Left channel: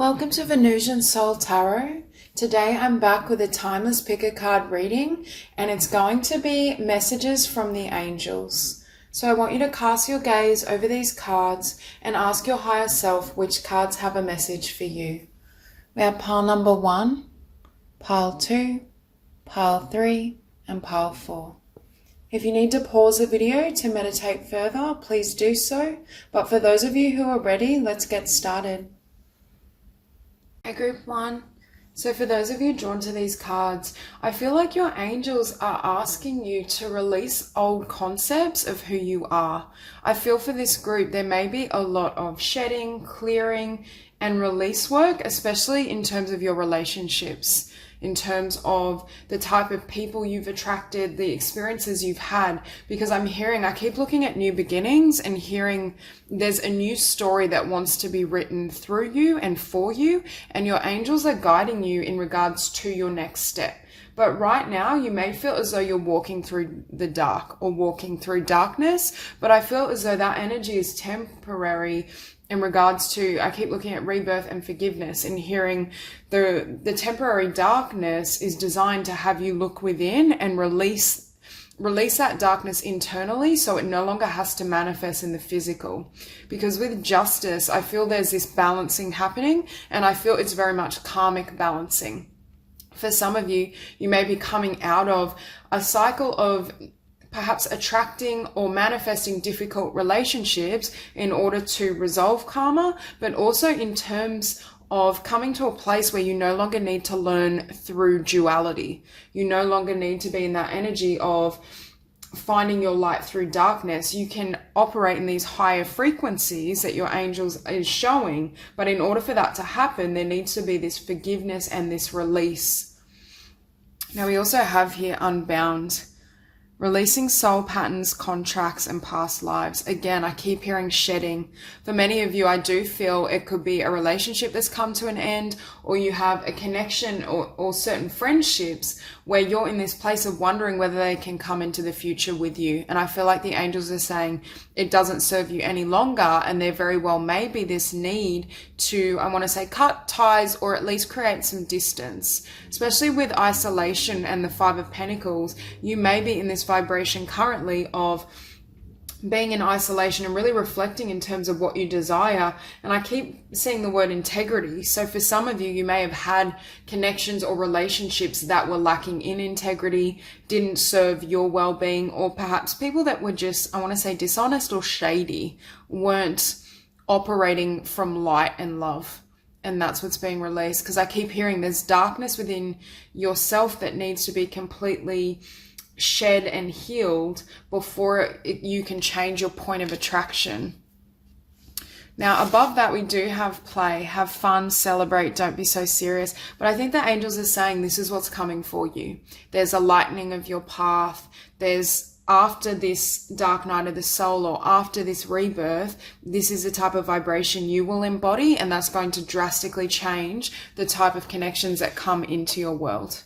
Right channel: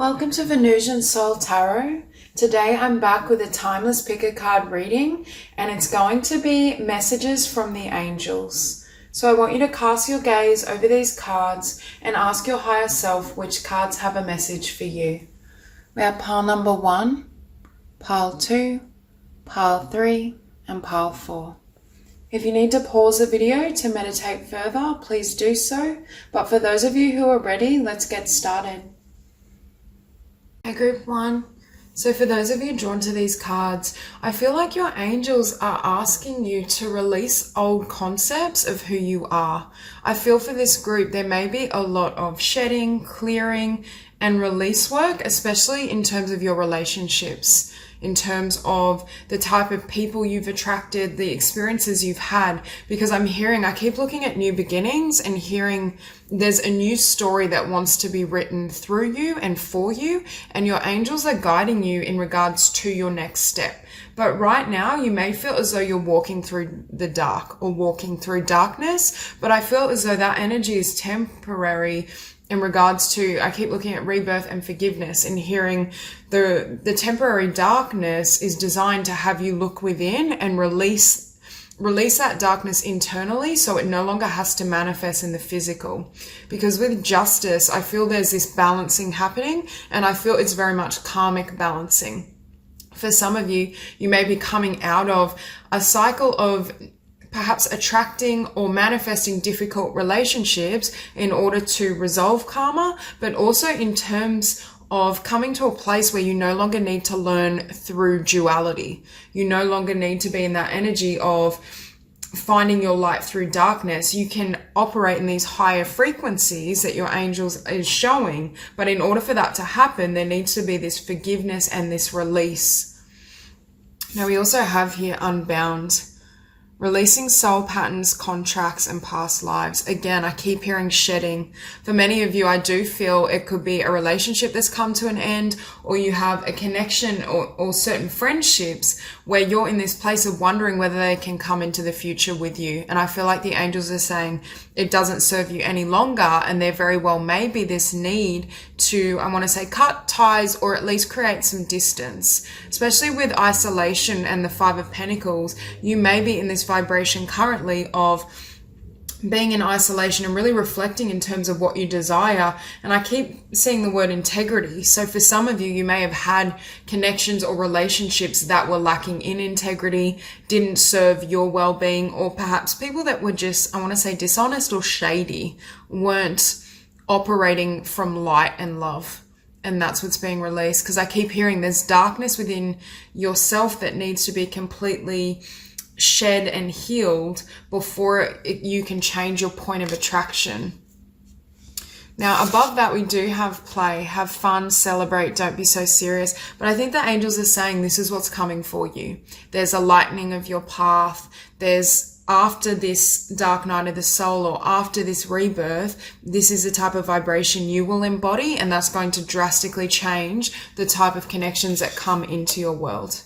Welcome to Venusian Soul Tarot. Today I'm back with a timeless pick a card reading, and it's going to be messages from the angels. So I want you to cast your gaze over these cards and ask your higher self which cards have a message for you. We have pile number 1, pile 2, pile 3, and pile 4. If you need to pause the video to meditate further, please do so. But for those of you who are ready, let's get started. Okay, group 1. So for those of you drawn to these cards, I feel like your angels are asking you to release old concepts of who you are. I feel for this group, there may be a lot of shedding, clearing, and release work, especially in terms of your relationships, in terms of the type of people you've attracted, the experiences you've had, because I keep looking at new beginnings and hearing there's a new story that wants to be written through you and for you, and your angels are guiding you in regards to your next step. But right now, you may feel as though you're walking through the dark or walking through darkness, but I feel as though that energy is temporary in regards to, I keep looking at rebirth and forgiveness and hearing the temporary darkness is designed to have you look within and release that darkness internally, so it no longer has to manifest in the physical. Because with justice, I feel there's this balancing happening, and I feel it's very much karmic balancing. For some of you, you may be coming out of a cycle of perhaps attracting or manifesting difficult relationships in order to resolve karma, but also in terms of coming to a place where you no longer need to learn through duality. You no longer need to be in that energy of finding your light through darkness. You can operate in these higher frequencies that your angels is showing, but in order for that to happen, there needs to be this forgiveness and this release. Now we also have here unbound. Releasing soul patterns, contracts, and past lives. Again, I keep hearing shedding. For many of you, I do feel it could be a relationship that's come to an end, or you have a connection or certain friendships where you're in this place of wondering whether they can come into the future with you. And I feel like the angels are saying it doesn't serve you any longer, and there very well may be this need to, I want to say, cut ties or at least create some distance. Especially with isolation and the Five of Pentacles, you may be in this vibration currently of being in isolation and really reflecting in terms of what you desire. And I keep seeing the word integrity. So for some of you, you may have had connections or relationships that were lacking in integrity, didn't serve your well-being, or perhaps people that were just, I want to say, dishonest or shady, weren't operating from light and love. And that's what's being released, because I keep hearing there's darkness within yourself that needs to be completely shed and healed before you can change your point of attraction. Now, above that, we do have play, have fun, celebrate, don't be so serious. But I think the angels are saying this is what's coming for you. There's a lightening of your path. There's, after this dark night of the soul, or after this rebirth, this is the type of vibration you will embody, and that's going to drastically change the type of connections that come into your world.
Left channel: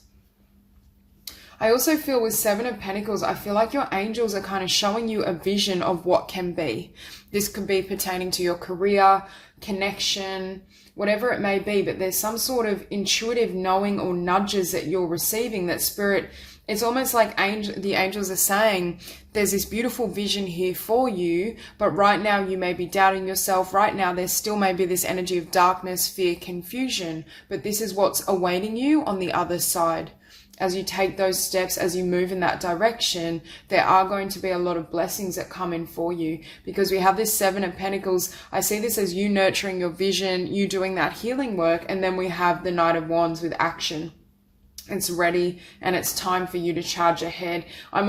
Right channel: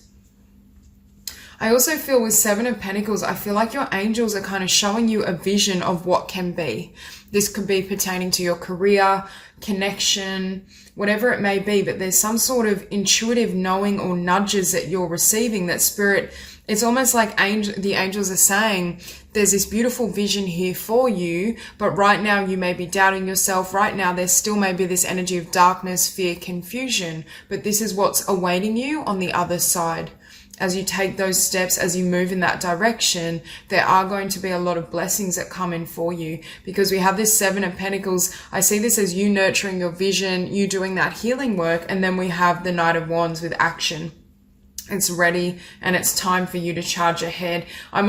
I also feel with Seven of Pentacles, I feel like your angels are kind of showing you a vision of what can be. This could be pertaining to your career, connection, whatever it may be, but there's some sort of intuitive knowing or nudges that you're receiving that spirit, it's almost like the angels are saying, there's this beautiful vision here for you, but right now you may be doubting yourself. Right now there still may be this energy of darkness, fear, confusion, but this is what's awaiting you on the other side. As you take those steps, as you move in that direction, there are going to be a lot of blessings that come in for you, because we have this Seven of Pentacles. I see this as you nurturing your vision, you doing that healing work, and then we have the Knight of Wands with action. It's ready and it's time for you to charge ahead. I'm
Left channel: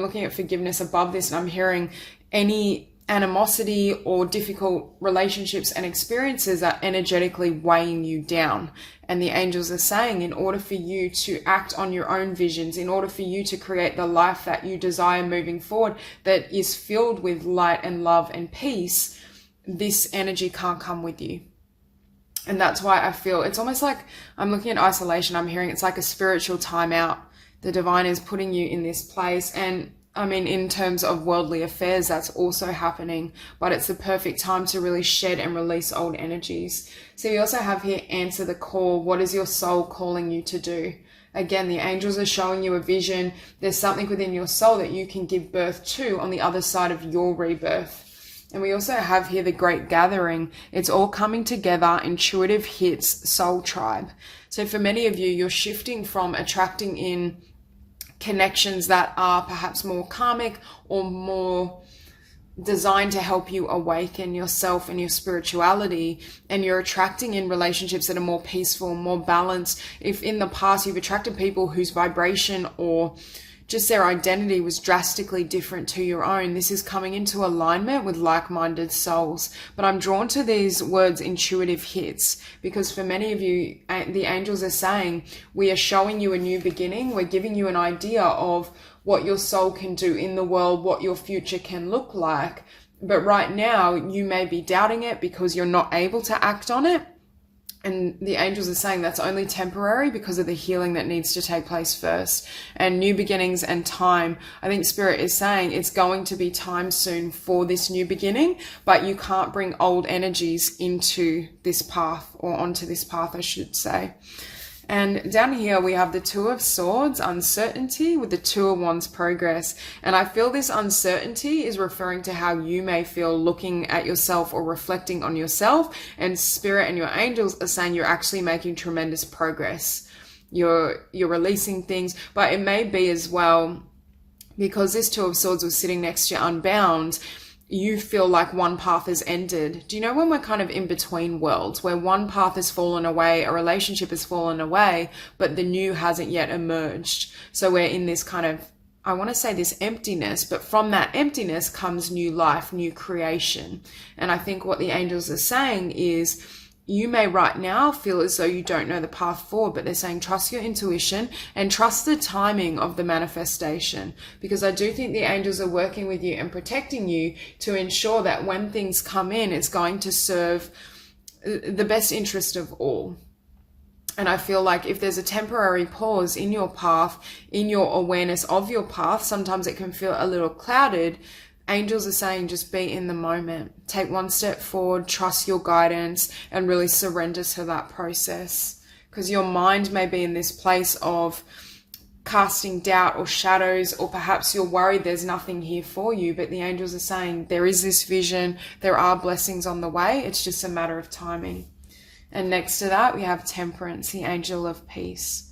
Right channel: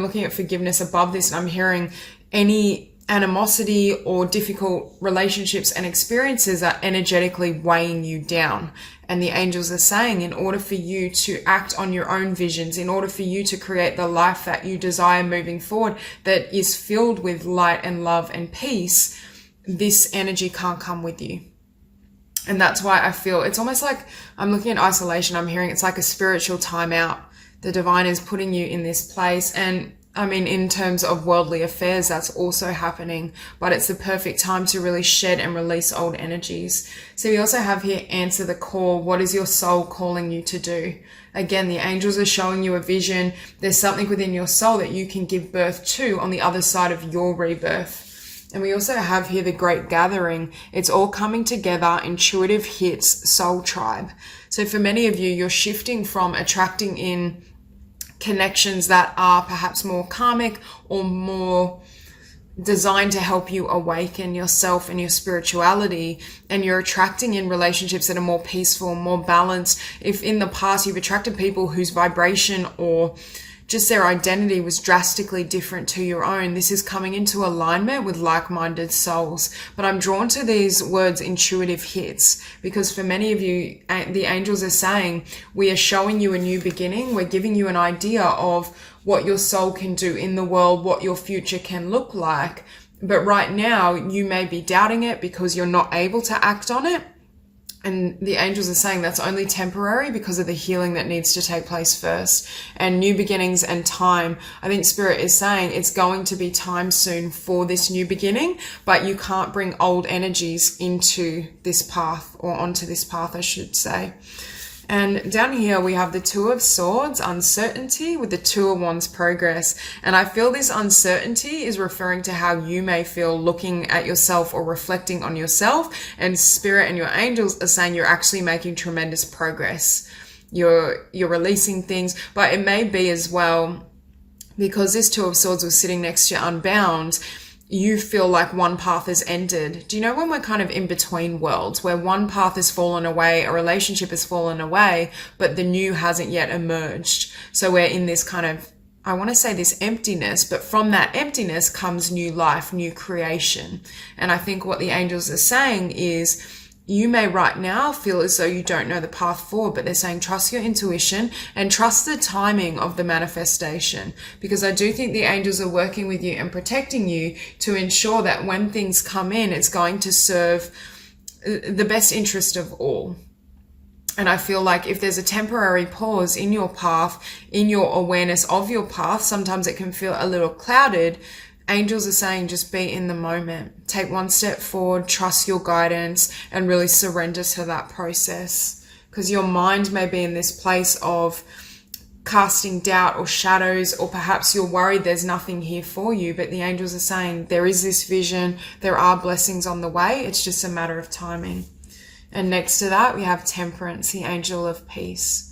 looking at forgiveness above this, and I'm hearing any animosity or difficult relationships and experiences are energetically weighing you down. And the angels are saying, in order for you to act on your own visions, in order for you to create the life that you desire moving forward, that is filled with light and love and peace, this energy can't come with you. And that's why I feel it's almost like I'm looking at isolation. I'm hearing it's like a spiritual timeout. The divine is putting you in this place, and I mean, in terms of worldly affairs, that's also happening, but it's the perfect time to really shed and release old energies. So we also have here, answer the call. What is your soul calling you to do? Again, the angels are showing you a vision. There's something within your soul that you can give birth to on the other side of your rebirth. And we also have here the Great Gathering. It's all coming together, intuitive hits, soul tribe. So for many of you, you're shifting from attracting in connections that are perhaps more karmic or more designed to help you awaken yourself and your spirituality, and you're attracting in relationships that are more peaceful, more balanced. If in the past you've attracted people whose vibration or just their identity was drastically different to your own, this is coming into alignment with like-minded souls. But I'm drawn to these words, intuitive hits, because for many of you, the angels are saying, we are showing you a new beginning. We're giving you an idea of what your soul can do in the world, what your future can look like. But right now, you may be doubting it because you're not able to act on it. And the angels are saying that's only temporary because of the healing that needs to take place first. And new beginnings and time. I think Spirit is saying it's going to be time soon for this new beginning, but you can't bring old energies into this path, or onto this path, I should say. And down here we have the Two of Swords, uncertainty, with the Two of Wands, progress. And I feel this uncertainty is referring to how you may feel looking at yourself or reflecting on yourself. And Spirit and your angels are saying you're actually making tremendous progress. You're releasing things, but it may be as well, because this Two of Swords was sitting next to you unbound, you feel like one path has ended. Do you know when we're kind of in between worlds, where one path has fallen away, a relationship has fallen away, but the new hasn't yet emerged? So we're in this kind of, I want to say this emptiness, but from that emptiness comes new life, new creation. And I think what the angels are saying is, you may right now feel as though you don't know the path forward, but they're saying trust your intuition and trust the timing of the manifestation, because I do think the angels are working with you and protecting you to ensure that when things come in, it's going to serve the best interest of all. And I feel like if there's a temporary pause in your path, in your awareness of your path, sometimes it can feel a little clouded. Angels are saying just be in the moment, take one step forward, trust your guidance, and really surrender to that process. Because your mind may be in this place of casting doubt or shadows, or perhaps you're worried there's nothing here for you, but the angels are saying there is this vision, there are blessings on the way, it's just a matter of timing. And next to that, we have Temperance, the angel of peace.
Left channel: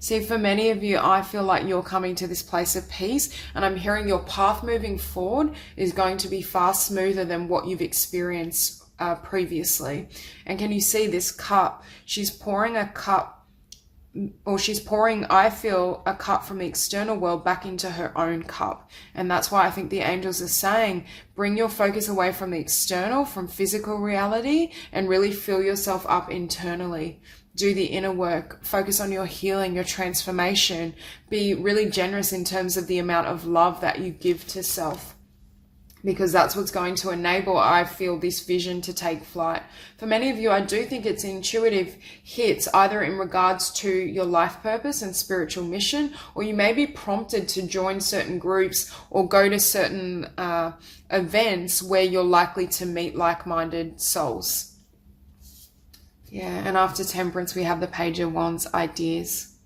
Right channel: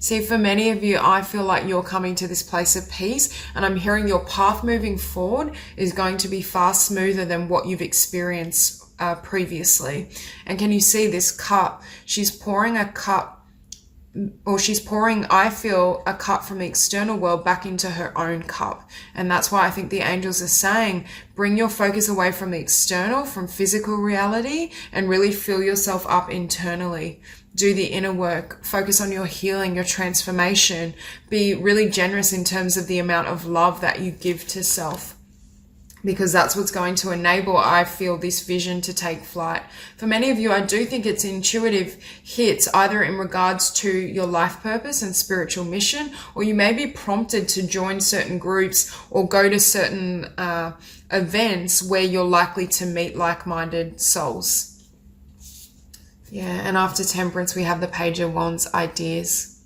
See, for many of you, I feel like you're coming to this place of peace, and I'm hearing your path moving forward is going to be far smoother than what you've experienced previously. And can you see this cup? She's pouring a cup, or she's pouring, I feel, a cup from the external world back into her own cup. And that's why I think the angels are saying, bring your focus away from the external, from physical reality, and really fill yourself up internally. Do the inner work, focus on your healing, your transformation, be really generous in terms of the amount of love that you give to self, because that's what's going to enable, I feel, this vision to take flight. For many of you, I do think it's intuitive hits, either in regards to your life purpose and spiritual mission, or you may be prompted to join certain groups or go to certain events where you're likely to meet like-minded souls. Yeah, and after Temperance, we have the Page of Wands, ideas.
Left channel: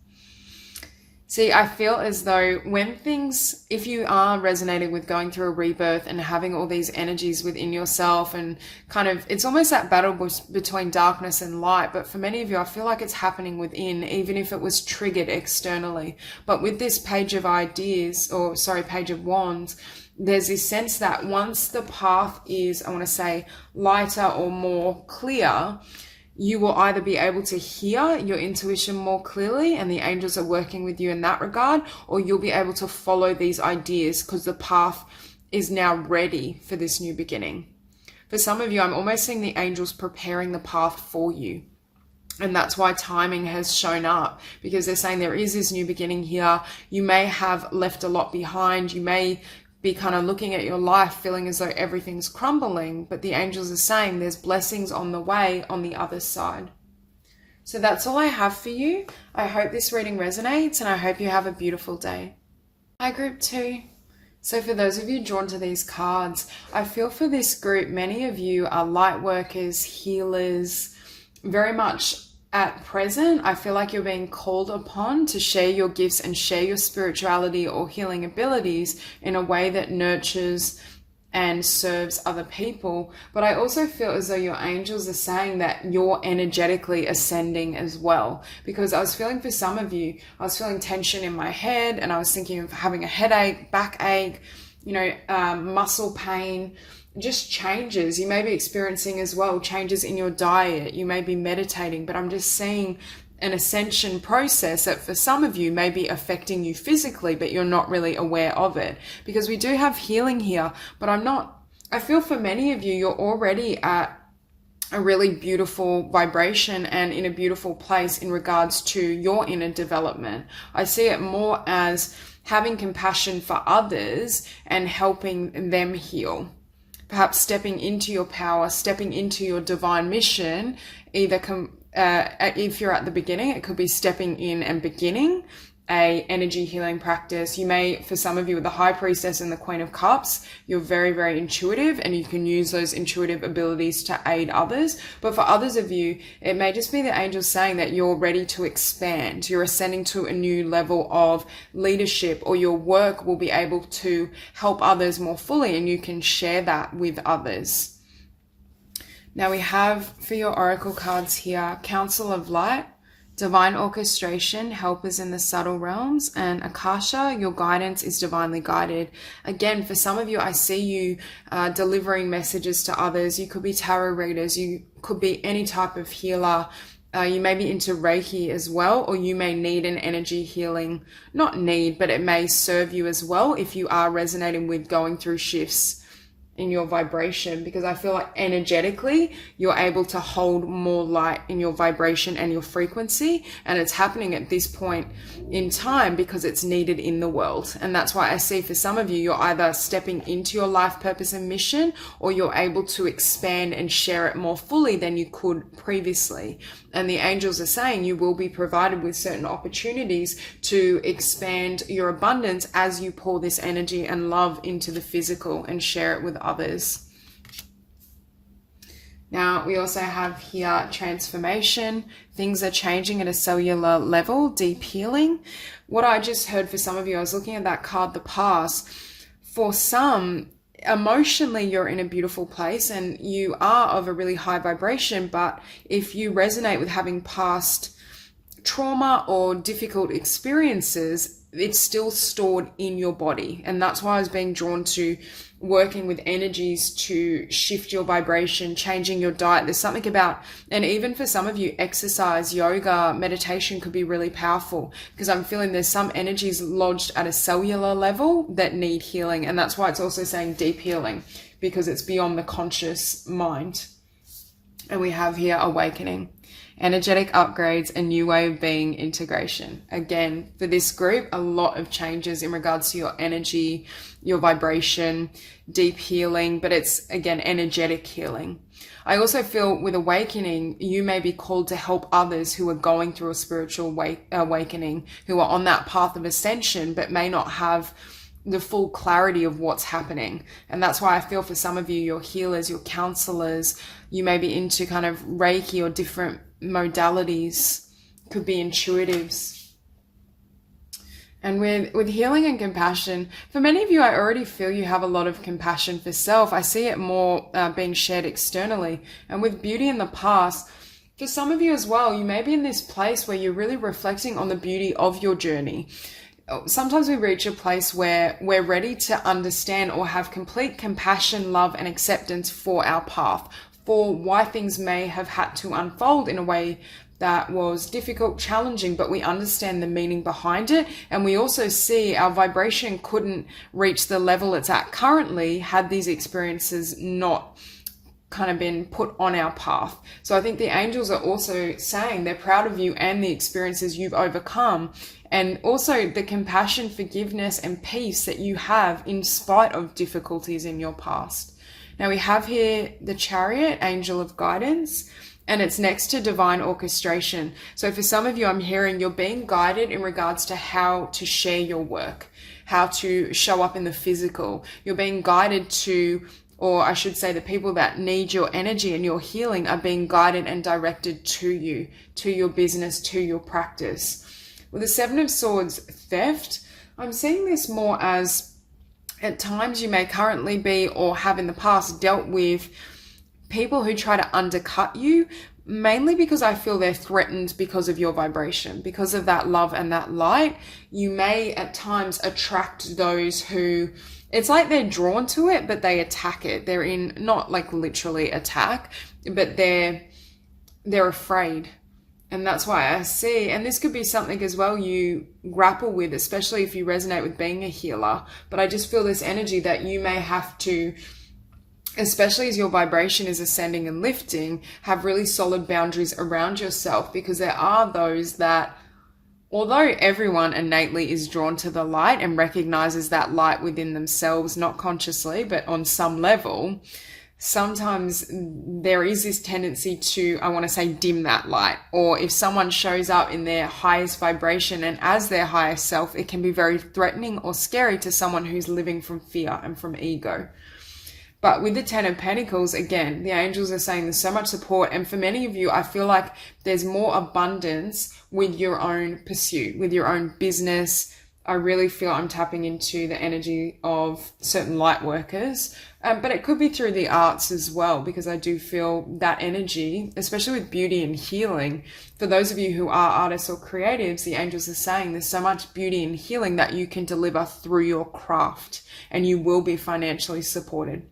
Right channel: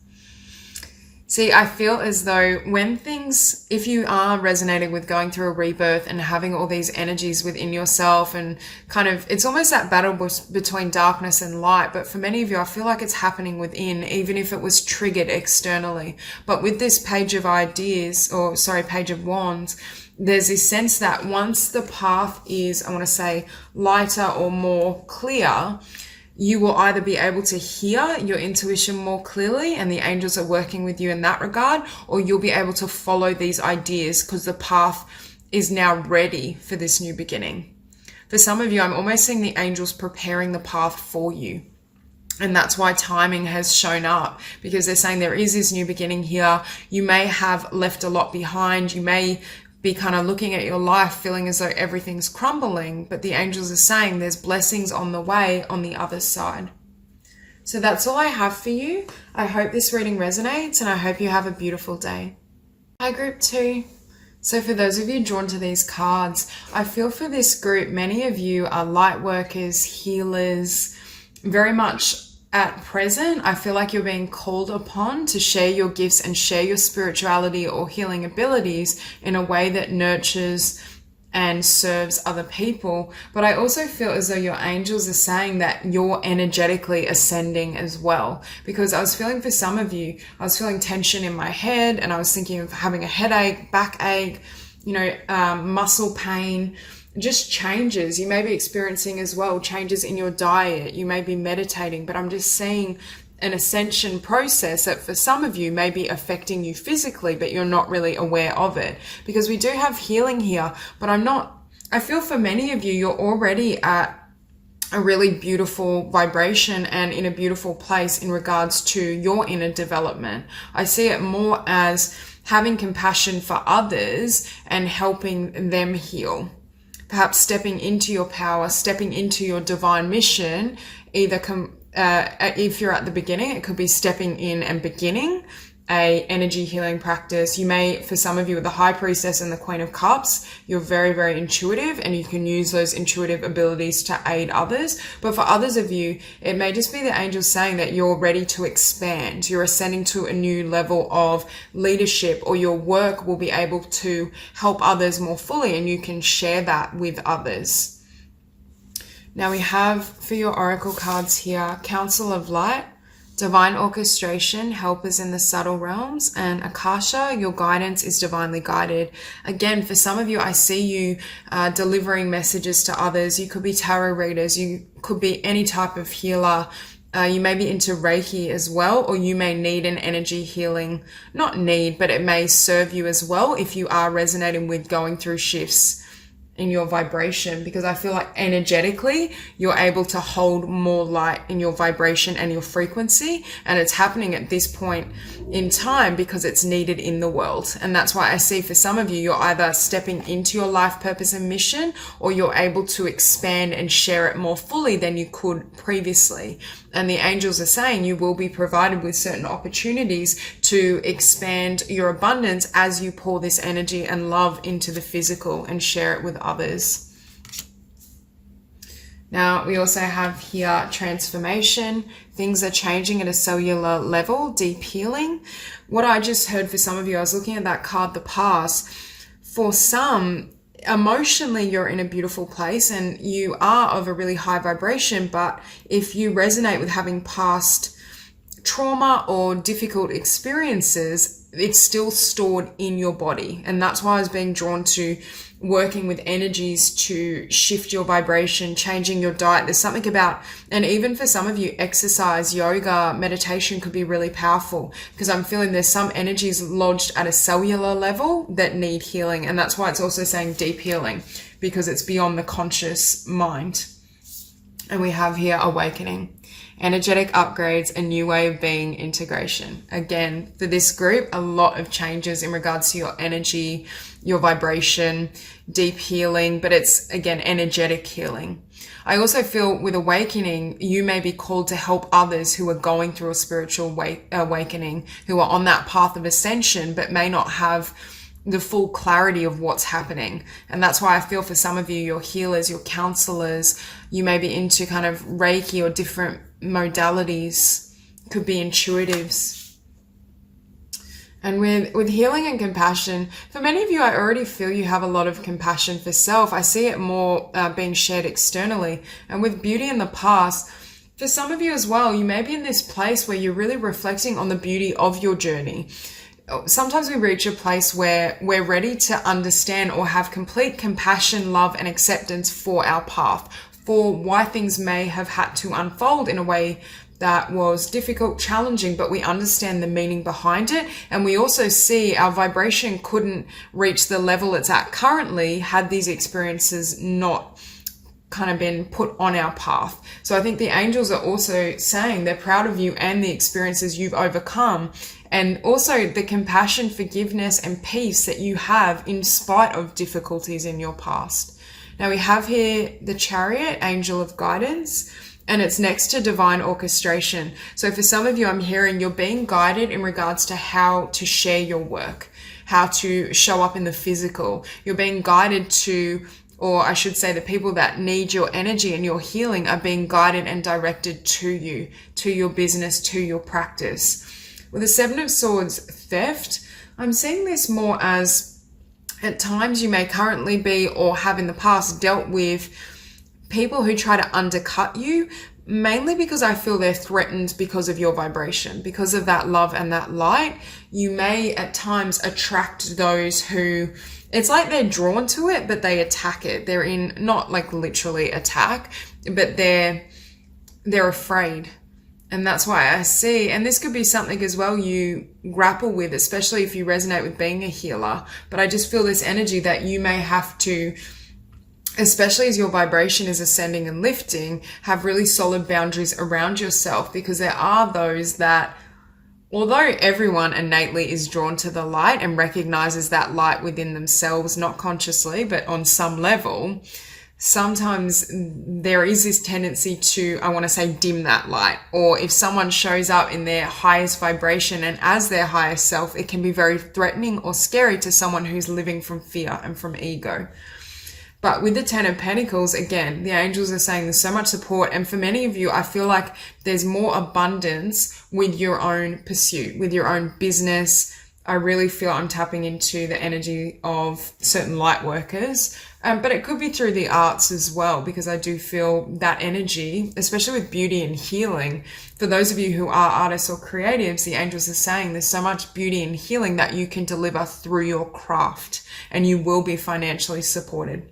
See, I feel as though when things, if you are resonating with going through a rebirth and having all these energies within yourself, and kind of, it's almost that battle between darkness and light. But for many of you, I feel like it's happening within, even if it was triggered externally. But with this Page of Page of Wands, there's this sense that once the path is, I want to say, lighter or more clear, you will either be able to hear your intuition more clearly, and the angels are working with you in that regard, or you'll be able to follow these ideas because the path is now ready for this new beginning. For some of you, I'm almost seeing the angels preparing the path for you. And that's why timing has shown up, because they're saying there is this new beginning here. You may have left a lot behind. You may be kind of looking at your life feeling as though everything's crumbling, but the angels are saying there's blessings on the way on the other side. So that's all I have for you. I hope this reading resonates, and I hope you have a beautiful day. Hi, Group 2. So for those of you drawn to these cards, I feel for this group, many of you are light workers, healers, very much at present. I feel like you're being called upon to share your gifts and share your spirituality or healing abilities in a way that nurtures and serves other people. But I also feel as though your angels are saying that you're energetically ascending as well, because I was feeling for some of you, I was feeling tension in my head, and I was thinking of having a headache, backache, muscle pain, just changes. You may be experiencing as well changes in your diet. You may be meditating, but I'm just seeing an ascension process that for some of you may be affecting you physically, but you're not really aware of it, because we do have healing here. But I feel for many of you, you're already at a really beautiful vibration and in a beautiful place in regards to your inner development. I see it more as having compassion for others and helping them heal. Perhaps stepping into your power, stepping into your divine mission, if you're at the beginning, it could be stepping in and beginning a energy healing practice. You may, for some of you with the High Priestess and the Queen of Cups, you're very, very intuitive and you can use those intuitive abilities to aid others. But for others of you, it may just be the angels saying that you're ready to expand. You're ascending to a new level of leadership, or your work will be able to help others more fully and you can share that with others. Now we have for your oracle cards here, Council of Light, Divine Orchestration, Helpers in the Subtle Realms, and Akasha, your guidance is divinely guided. Again, for some of you, I see you delivering messages to others. You could be tarot readers. You could be any type of healer. You may be into Reiki as well, or you may need an energy healing. Not need, but it may serve you as well if you are resonating with going through shifts in your vibration, because I feel like energetically you're able to hold more light in your vibration and your frequency, and it's happening at this point in time because it's needed in the world. And that's why I see for some of you, you're either stepping into your life purpose and mission, or you're able to expand and share it more fully than you could previously. And the angels are saying you will be provided with certain opportunities to expand your abundance as you pour this energy and love into the physical and share it with others. Now, we also have here transformation. Things are changing at a cellular level, deep healing. What I just heard for some of you, I was looking at that card, the Pass. For some, emotionally, you're in a beautiful place and you are of a really high vibration, but if you resonate with having past trauma or difficult experiences, it's still stored in your body. And that's why I was being drawn to working with energies to shift your vibration, changing your diet. There's something about, and even for some of you, exercise, yoga, meditation could be really powerful, because I'm feeling there's some energies lodged at a cellular level that need healing. And that's why it's also saying deep healing, because it's beyond the conscious mind. And we have here awakening, energetic upgrades, a new way of being, integration. Again, for this group, a lot of changes in regards to your energy, your vibration, deep healing, but it's, again, energetic healing. I also feel with awakening, you may be called to help others who are going through a spiritual awakening, who are on that path of ascension, but may not have the full clarity of what's happening. And that's why I feel for some of you, your healers, your counselors, you may be into kind of Reiki or different modalities, could be intuitives. And with healing and compassion, for many of you, I already feel you have a lot of compassion for self. I see it more being shared externally. And with beauty in the past, for some of you as well, you may be in this place where you're really reflecting on the beauty of your journey. Sometimes we reach a place where we're ready to understand or have complete compassion, love, and acceptance for our path, for why things may have had to unfold in a way that was difficult, challenging, but we understand the meaning behind it. And we also see our vibration couldn't reach the level it's at currently had these experiences not kind of been put on our path. So I think the angels are also saying they're proud of you and the experiences you've overcome, and also the compassion, forgiveness, and peace that you have in spite of difficulties in your past. Now we have here the Chariot, angel of guidance, and it's next to divine orchestration. So for some of you, I'm hearing you're being guided in regards to how to share your work. how to show up in the physical. You're being guided to, or I should say the people that need your energy and your healing are being guided and directed to you, to your business, to your practice. With the Seven of Swords, theft, I'm seeing this more as at times you may currently be or have in the past dealt with people who try to undercut you, mainly because I feel they're threatened because of your vibration, because of that love and that light. You may at times attract those who, it's like they're drawn to it, but they attack it. They're in, not like literally attack, but they're afraid. And that's why I see, and this could be something as well you grapple with, especially if you resonate with being a healer. But I just feel this energy that you may have to, especially as your vibration is ascending and lifting, have really solid boundaries around yourself, because there are those that, although everyone innately is drawn to the light and recognizes that light within themselves, not consciously, but on some level, sometimes there is this tendency to, I want to say, dim that light. Or if someone shows up in their highest vibration and as their highest self, it can be very threatening or scary to someone who's living from fear and from ego. But with the Ten of Pentacles, again, the angels are saying there's so much support. And for many of you, I feel like there's more abundance with your own pursuit, with your own business. I really feel I'm tapping into the energy of certain light workers. But it could be through the arts as well, because I do feel that energy, especially with beauty and healing. For those of you who are artists or creatives, the angels are saying there's so much beauty and healing that you can deliver through your craft, and you will be financially supported.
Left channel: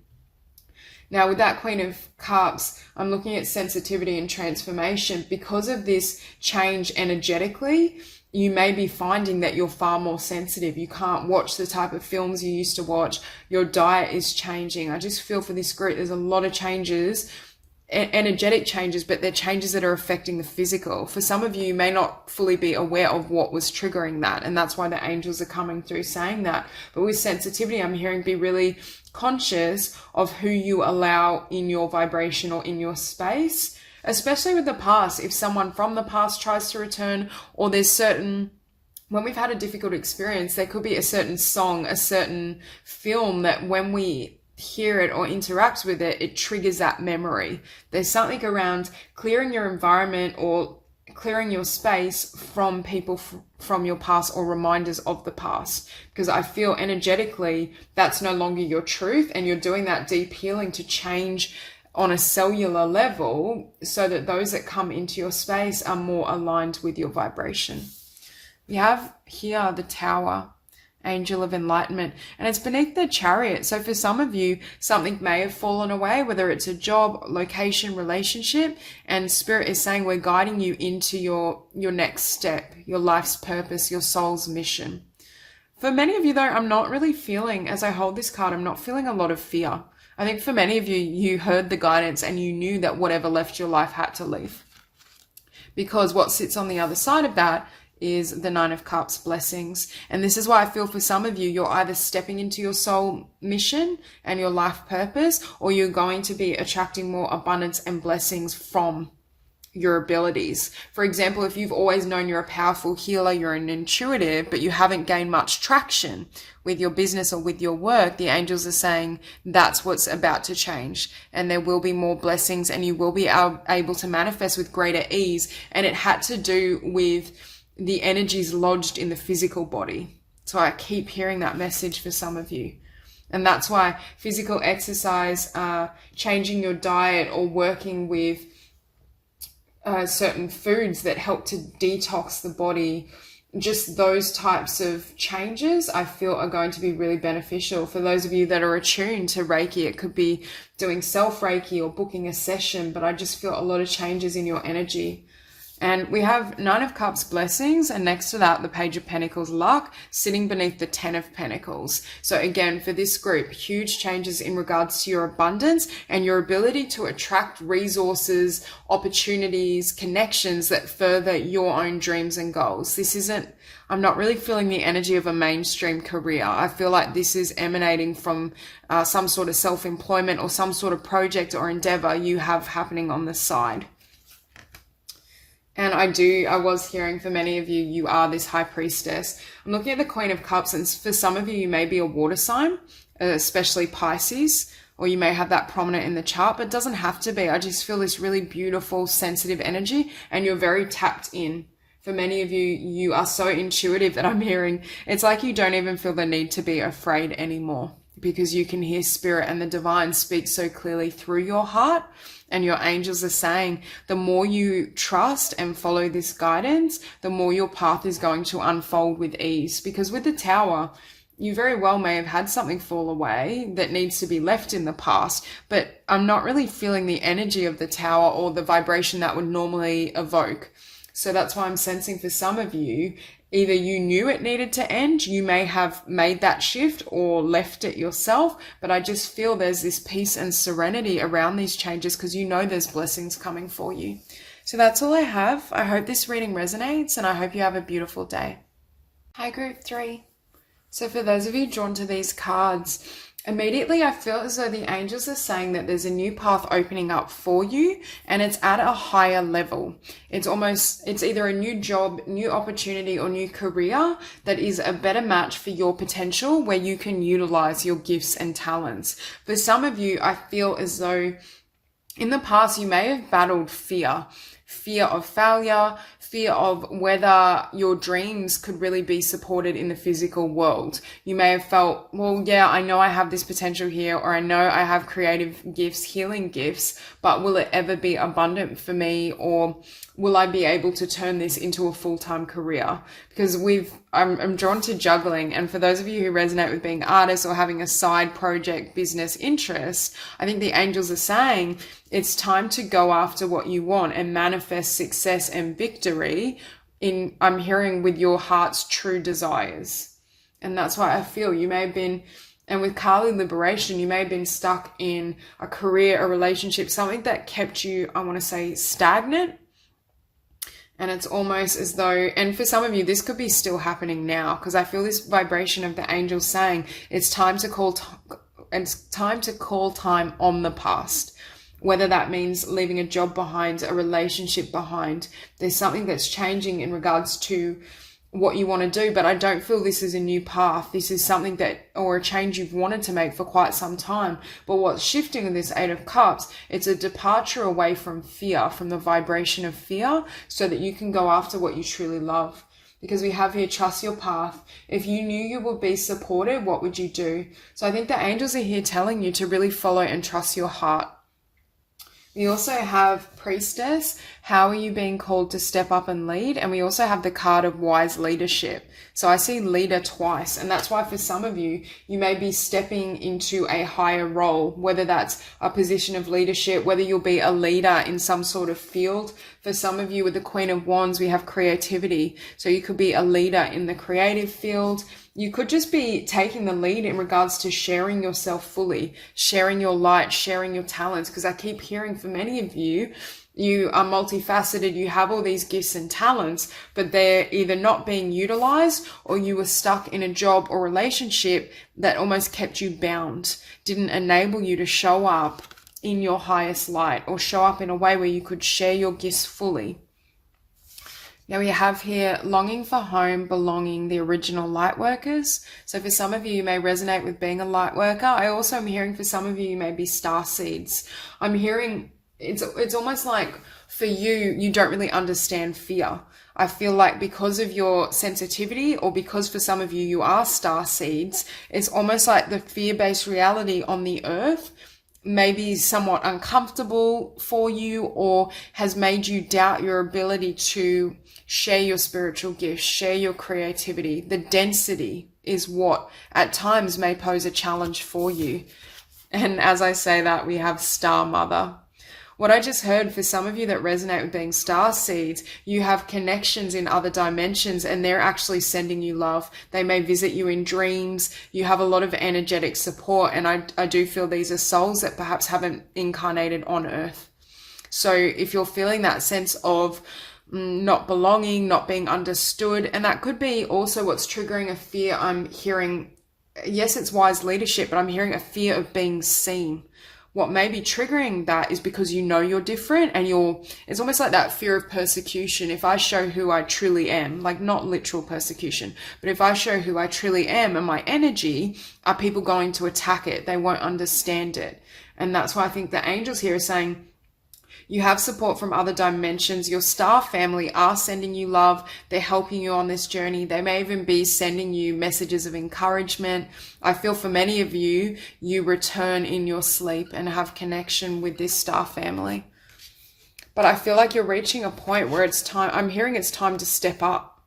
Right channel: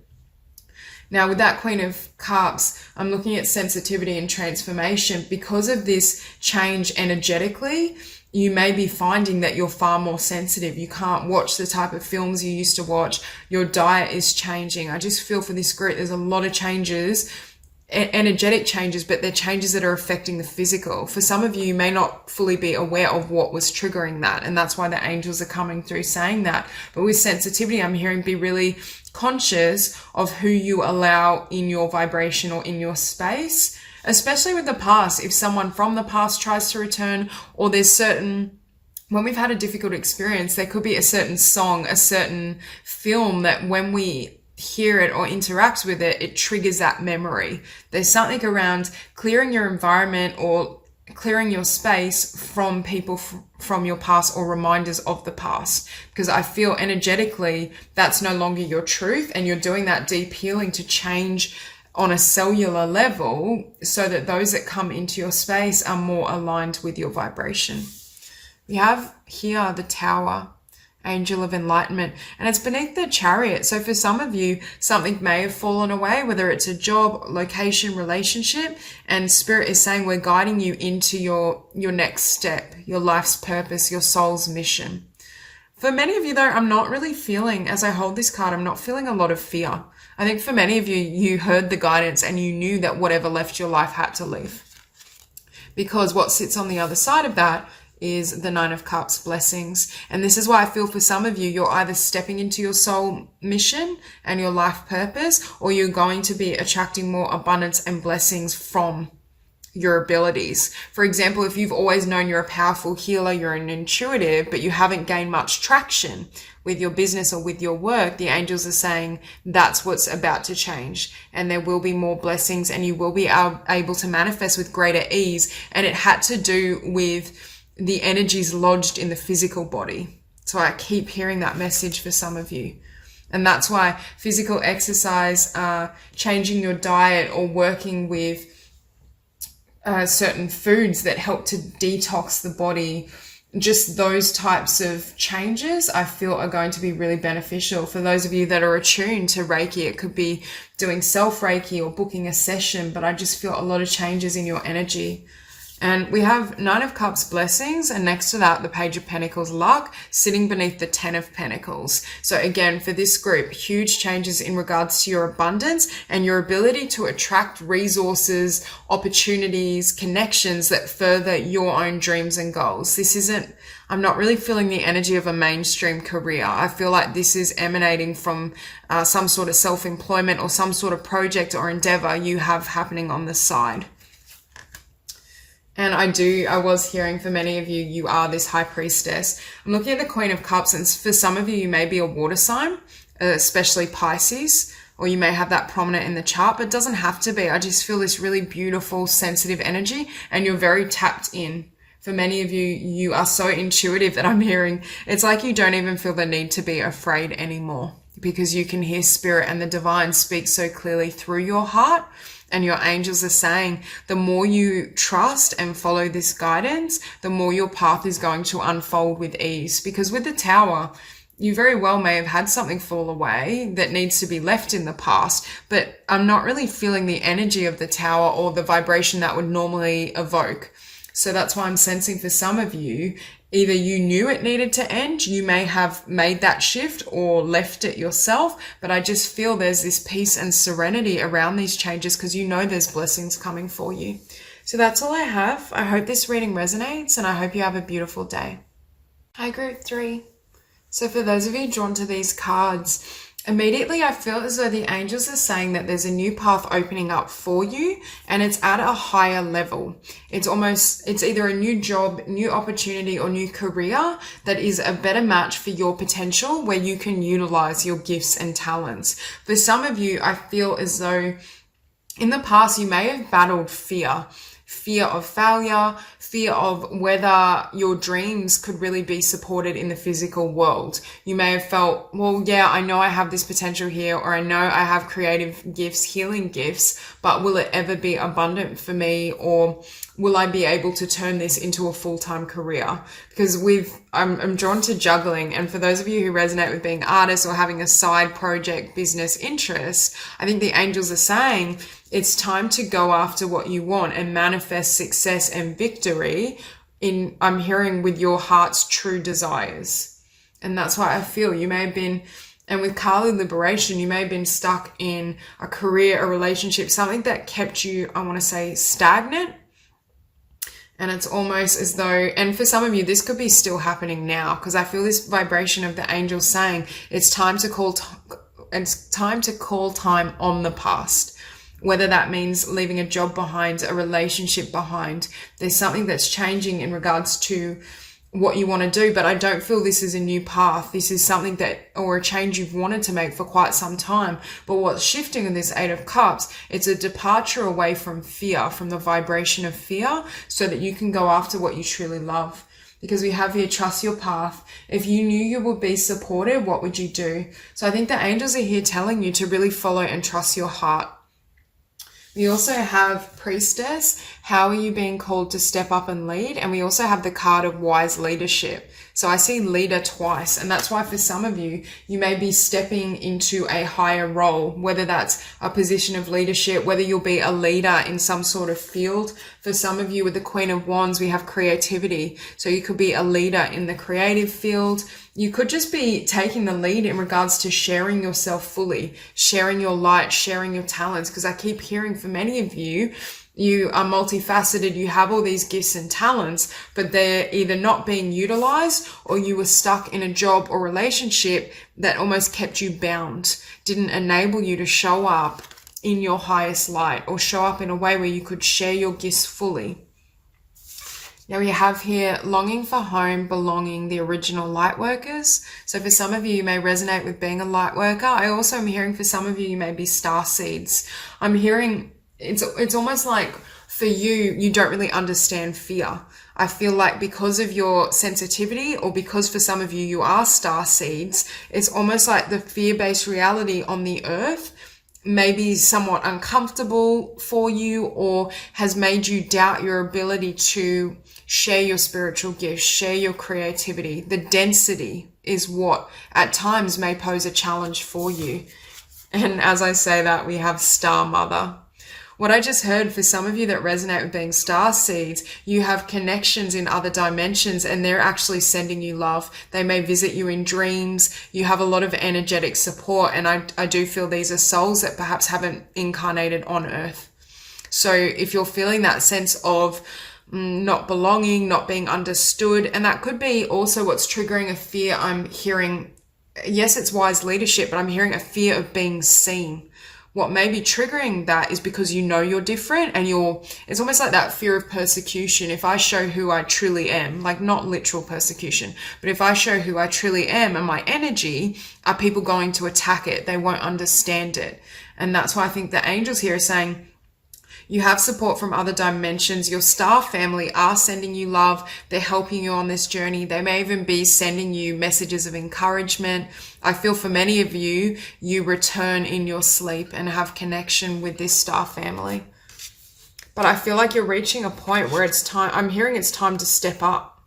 Now, with that Queen of Cups, I'm looking at sensitivity and transformation. Because of this change energetically, you may be finding that you're far more sensitive. You can't watch the type of films you used to watch. Your diet is changing. I just feel for this group, there's a lot of changes, energetic changes, but they're changes that are affecting the physical. For some of you, you may not fully be aware of what was triggering that. And that's why the angels are coming through saying that. But with sensitivity, I'm hearing be really conscious of who you allow in your vibration or in your space, especially with the past. If someone from the past tries to return, or there's certain, when we've had a difficult experience, there could be a certain song, a certain film that when we hear it or interact with it, it triggers that memory. There's something around clearing your environment or clearing your space from people from your past or reminders of the past, because I feel energetically that's no longer your truth, and you're doing that deep healing to change on a cellular level so that those that come into your space are more aligned with your vibration. We have here the Tower, Angel of Enlightenment, and it's beneath the Chariot. So for some of you, something may have fallen away, whether it's a job, location, relationship, and Spirit is saying we're guiding you into your next step, your life's purpose, your soul's mission. For many of you though, I'm not really feeling, as I hold this card, I'm not feeling a lot of fear. I think for many of you, you heard the guidance and you knew that whatever left your life had to leave. Because what sits on the other side of that is the Nine of Cups, blessings. And this is why I feel for some of you, you're either stepping into your soul mission and your life purpose, or you're going to be attracting more abundance and blessings from your abilities. For example, if you've always known you're a powerful healer, you're an intuitive, but you haven't gained much traction with your business or with your work, the angels are saying that's what's about to change, and there will be more blessings and you will be able to manifest with greater ease. And it had to do with the energies lodged in the physical body. So I keep hearing that message for some of you. And that's why physical exercise, changing your diet, or working with certain foods that help to detox the body, just those types of changes I feel are going to be really beneficial. For those of you that are attuned to Reiki, it could be doing self-Reiki or booking a session, but I just feel a lot of changes in your energy. And we have Nine of Cups, blessings, and next to that, the Page of Pentacles, luck, sitting beneath the Ten of Pentacles. So again, for this group, huge changes in regards to your abundance and your ability to attract resources, opportunities, connections that further your own dreams and goals. This isn't, I'm not really feeling the energy of a mainstream career. I feel like this is emanating from some sort of self-employment or some sort of project or endeavor you have happening on the side. And I was hearing for many of you, you are this high priestess. I'm looking at the Queen of Cups, and for some of you, you may be a water sign, especially Pisces, or you may have that prominent in the chart, but it doesn't have to be. I just feel this really beautiful, sensitive energy, and you're very tapped in. For many of you, you are so intuitive that I'm hearing. It's like you don't even feel the need to be afraid anymore, because you can hear spirit and the divine speak so clearly through your heart. And your angels are saying, the more you trust and follow this guidance, the more your path is going to unfold with ease. Because with the Tower, you very well may have had something fall away that needs to be left in the past, but I'm not really feeling the energy of the Tower or the vibration that would normally evoke. So that's why I'm sensing for some of you, either you knew it needed to end, you may have made that shift or left it yourself, but I just feel there's this peace and serenity around these changes because you know there's blessings coming for you. So that's all I have. I hope this reading resonates, and I hope you have a beautiful day. Hi, Group 3. So for those of you drawn to these cards, immediately I feel as though the angels are saying that there's a new path opening up for you, and it's at a higher level. It's either a new job, new opportunity, or new career that is a better match for your potential, where you can utilize your gifts and talents. For some of you, I feel as though in the past you may have battled fear of failure, fear of whether your dreams could really be supported in the physical world. You may have felt, well, yeah, I know I have this potential here, or I know I have creative gifts, healing gifts, but will it ever be abundant for me, or will I be able to turn this into a full-time career? Because I'm drawn to juggling, and for those of you who resonate with being artists or having a side project business interest, I think the angels are saying it's time to go after what you want and manifest success and victory I'm hearing with your heart's true desires. And that's why I feel you may have been, and with Kali liberation, you may have been stuck in a career, a relationship, something that kept you, I want to say, stagnant. And it's almost as though, and for some of you, this could be still happening now, because I feel this vibration of the angels saying it's time to call time on the past. Whether that means leaving a job behind, a relationship behind, there's something that's changing in regards to what you want to do, but I don't feel this is a new path. This is something or a change you've wanted to make for quite some time. But what's shifting in this Eight of Cups, it's a departure away from fear, from the vibration of fear, so that you can go after what you truly love. Because we have here, trust your path. If you knew you would be supported, what would you do? So I think the angels are here telling you to really follow and trust your heart. We also have Priestess. How are you being called to step up and lead? And we also have the card of wise leadership. So I see leader twice, and that's why for some of you, you may be stepping into a higher role, whether that's a position of leadership, whether you'll be a leader in some sort of field. For some of you with the Queen of Wands, we have creativity. So you could be a leader in the creative field. You could just be taking the lead in regards to sharing yourself fully, sharing your light, sharing your talents, because I keep hearing for many of you, you are multifaceted, you have all these gifts and talents, but they're either not being utilized, or you were stuck in a job or relationship that almost kept you bound, didn't enable you to show up in your highest light, or show up in a way where you could share your gifts fully. Now we have here longing for home, belonging, the original light workers. So for some of you, you may resonate with being a light worker. I also am hearing for some of you, you may be star seeds. I'm hearing it's almost like for you, you don't really understand fear. I feel like because of your sensitivity, or because for some of you, you are star seeds, it's almost like the fear-based reality on the earth may be somewhat uncomfortable for you, or has made you doubt your ability to share your spiritual gifts, share your creativity. The density is what at times may pose a challenge for you. And as I say that, we have Star Mother. What I just heard for some of you that resonate with being star seeds, you have connections in other dimensions, and they're actually sending you love. They may visit you in dreams. You have a lot of energetic support, and I do feel these are souls that perhaps haven't incarnated on earth. So if you're feeling that sense of not belonging, not being understood, and that could be also what's triggering a fear. I'm hearing, yes, it's wise leadership, but I'm hearing a fear of being seen, what may be triggering that is because you know you're different, and it's almost like that fear of persecution. If I show who I truly am, like not literal persecution, but if I show who I truly am and my energy, are people going to attack it? They won't understand it. And that's why I think the angels here are saying, you have support from other dimensions. Your star family are sending you love. They're helping you on this journey. They may even be sending you messages of encouragement. I feel for many of you, you return in your sleep and have connection with this star family. But I feel like you're reaching a point where it's time, I'm hearing it's time to step up,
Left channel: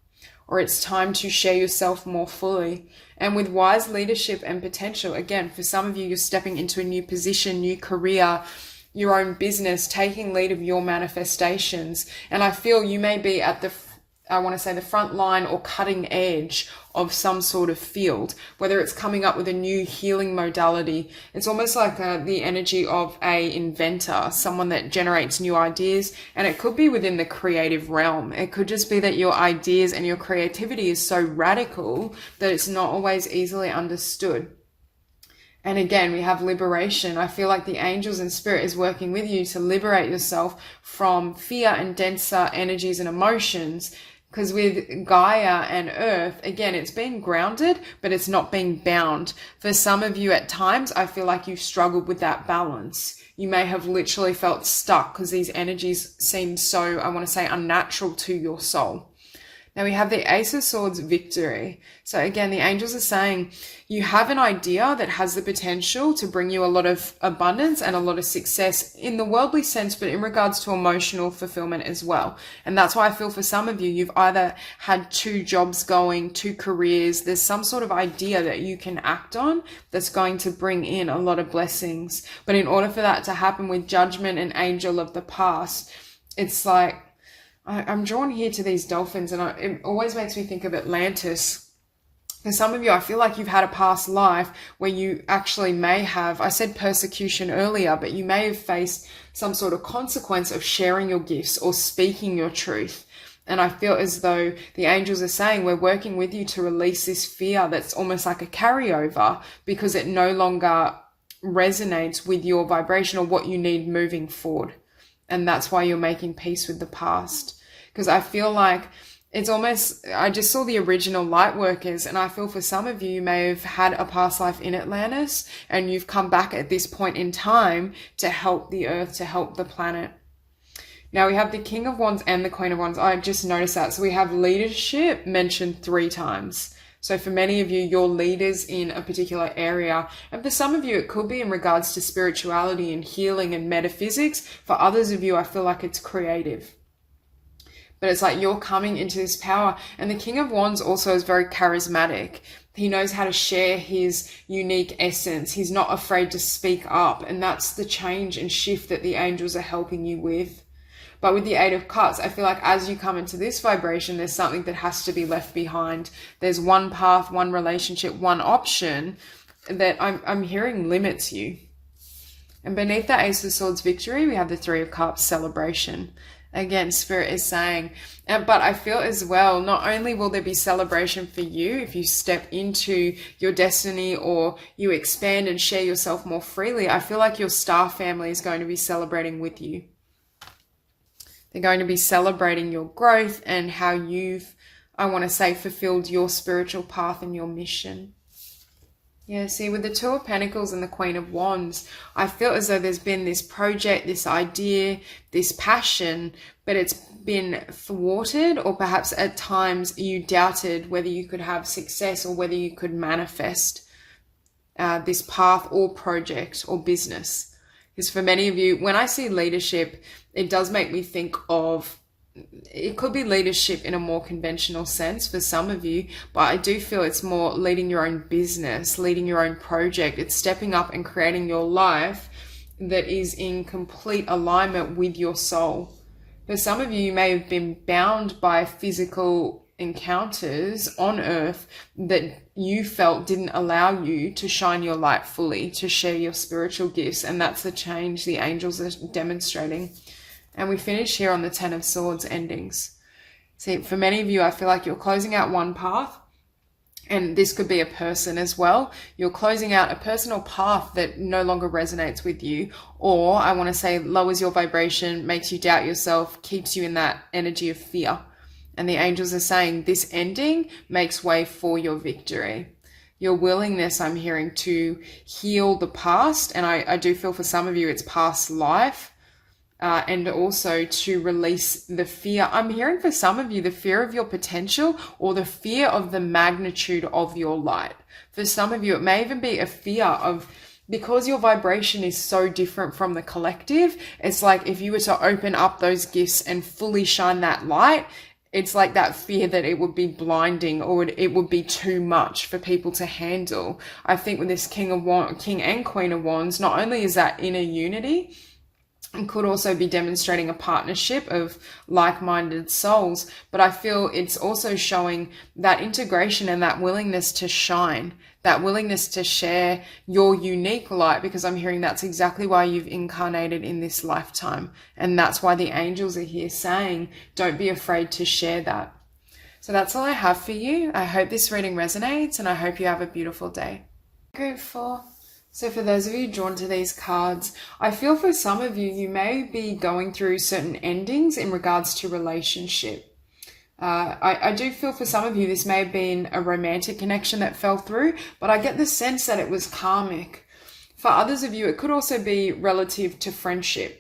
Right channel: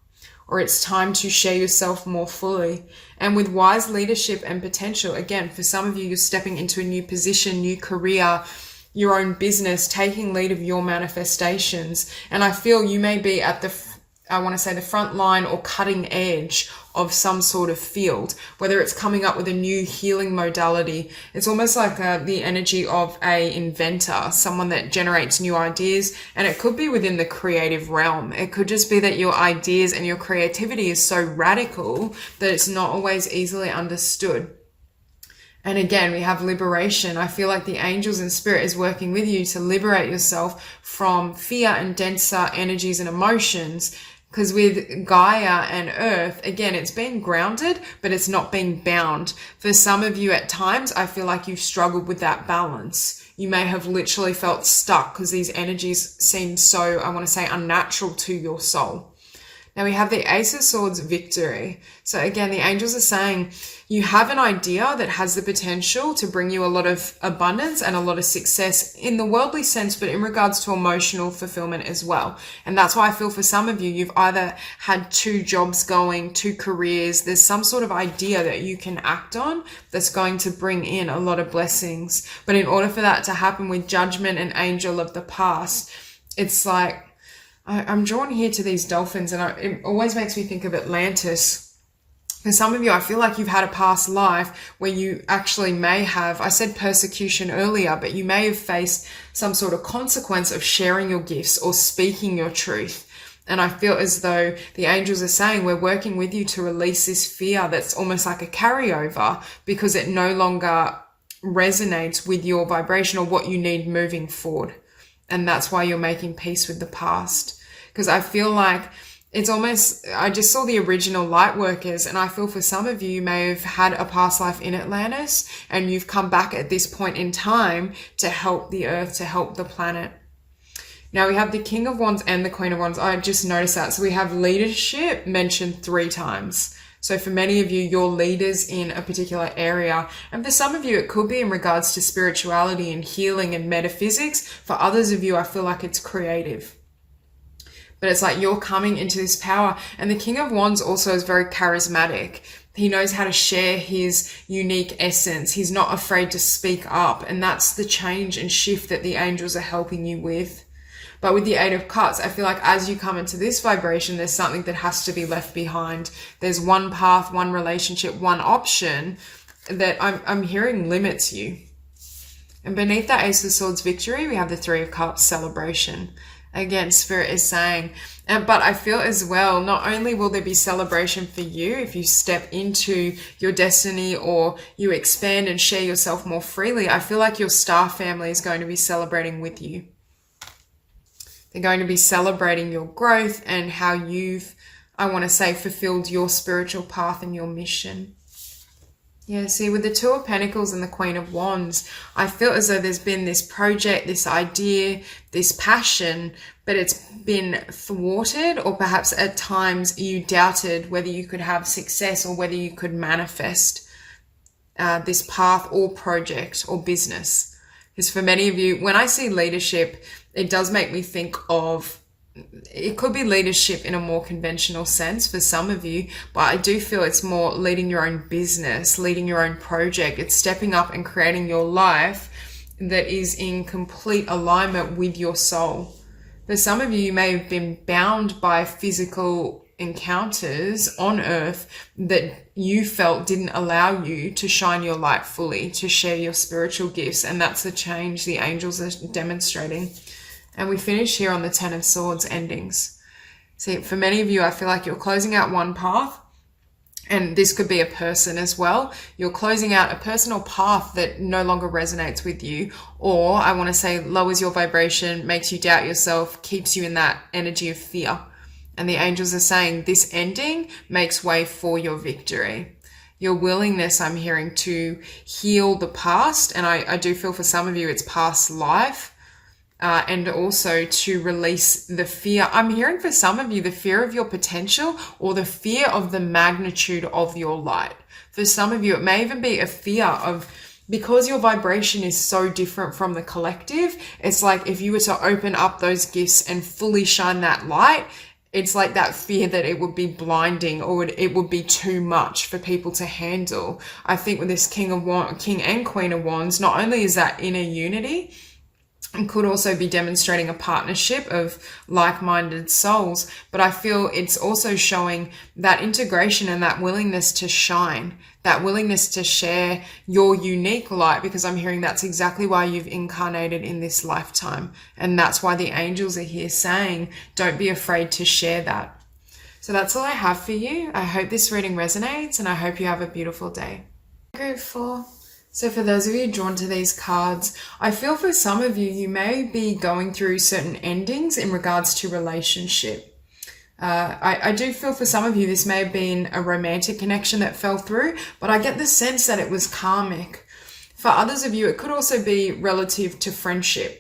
or it's time to share yourself more fully. And with wise leadership and potential, again, for some of you, you're stepping into a new position, new career, your own business, taking lead of your manifestations. And I feel you may be at the front line or cutting edge of some sort of field, whether it's coming up with a new healing modality. It's almost like the energy of a inventor, someone that generates new ideas. And it could be within the creative realm. It could just be that your ideas and your creativity is so radical that it's not always easily understood. And again, we have liberation. I feel like the angels and spirit is working with you to liberate yourself from fear and denser energies and emotions. Because with Gaia and Earth, again, it's being grounded, but it's not being bound. For some of you at times, I feel like you've struggled with that balance. You may have literally felt stuck because these energies seem so, I want to say, unnatural to your soul. Now we have the Ace of Swords, victory. So again, the angels are saying you have an idea that has the potential to bring you a lot of abundance and a lot of success in the worldly sense, but in regards to emotional fulfillment as well. And that's why I feel for some of you, you've either had 2 jobs going, 2 careers. There's some sort of idea that you can act on that's going to bring in a lot of blessings. But in order for that to happen with Judgment and Angel of the past, it's like, I'm drawn here to these dolphins, and it always makes me think of Atlantis. For some of you, I feel like you've had a past life where you actually may have, I said persecution earlier, but you may have faced some sort of consequence of sharing your gifts or speaking your truth. And I feel as though the angels are saying, we're working with you to release this fear that's almost like a carryover because it no longer resonates with your vibration or what you need moving forward. And that's why you're making peace with the past. Because I feel like it's almost, I just saw the original light workers, and I feel for some of you, you may have had a past life in Atlantis and you've come back at this point in time to help the earth, to help the planet. Now we have the King of Wands and the Queen of Wands. I just noticed that. So we have leadership mentioned 3 times. So for many of you, you're leaders in a particular area. And for some of you, it could be in regards to spirituality and healing and metaphysics. For others of you, I feel like it's creative. But it's like you're coming into this power. And the King of Wands also is very charismatic. He knows how to share his unique essence. He's not afraid to speak up. And that's the change and shift that the angels are helping you with. But with the 8 of Cups, I feel like as you come into this vibration, there's something that has to be left behind. There's one path, one relationship, one option that I'm hearing limits you. And beneath that Ace of Swords, victory, we have the 3 of Cups, celebration. Again, Spirit is saying, but I feel as well, not only will there be celebration for you if you step into your destiny or you expand and share yourself more freely, I feel like your star family is going to be celebrating with you. They're going to be celebrating your growth and how you've, I want to say, fulfilled your spiritual path and your mission. Yeah, see, with the 2 of Pentacles and the Queen of Wands, I feel as though there's been this project, this idea, this passion, but it's been thwarted, or perhaps at times you doubted whether you could have success or whether you could manifest this path or project or business. Because for many of you, when I see leadership, it does make me think of, it could be leadership in a more conventional sense for some of you, but I do feel it's more leading your own business, leading your own project. It's stepping up and creating your life that is in complete alignment with your soul. For some of you, you may have been bound by physical encounters on earth that you felt didn't allow you to shine your light fully, to share your spiritual gifts. And that's the change the angels are demonstrating. And we finish here on the 10 of Swords, endings. See, for many of you, I feel like you're closing out one path And this could be a person as well. You're closing out a personal path that no longer resonates with you, or I want to say lowers your vibration, makes you doubt yourself, keeps you in that energy of fear. And the angels are saying this ending makes way for your victory. Your willingness, I'm hearing, to heal the past, and I do feel for some of you it's past life, and also to release the fear. I'm hearing for some of you the fear of your potential, or the fear of the magnitude of your light. For some of you, it may even be a fear of, because your vibration is so different from the collective, it's like if you were to open up those gifts and fully shine that light, it's like that fear that it would be blinding, or it would be too much for people to handle. I think with this King and Queen of Wands, not only is that inner unity, it could also be demonstrating a partnership of like-minded souls, but I feel it's also showing that integration and that willingness to shine, that willingness to share your unique light, because I'm hearing that's exactly why you've incarnated in this lifetime. And that's why the angels are here saying, don't be afraid to share that. So that's all I have for you. I hope this reading resonates, and I hope you have a beautiful day. Grateful. So for those of you drawn to these cards, I feel for some of you, you may be going through certain endings in regards to relationship. I do feel for some of you, this may have been a romantic connection that fell through, but I get the sense that it was karmic. For others of you, it could also be relative to friendship.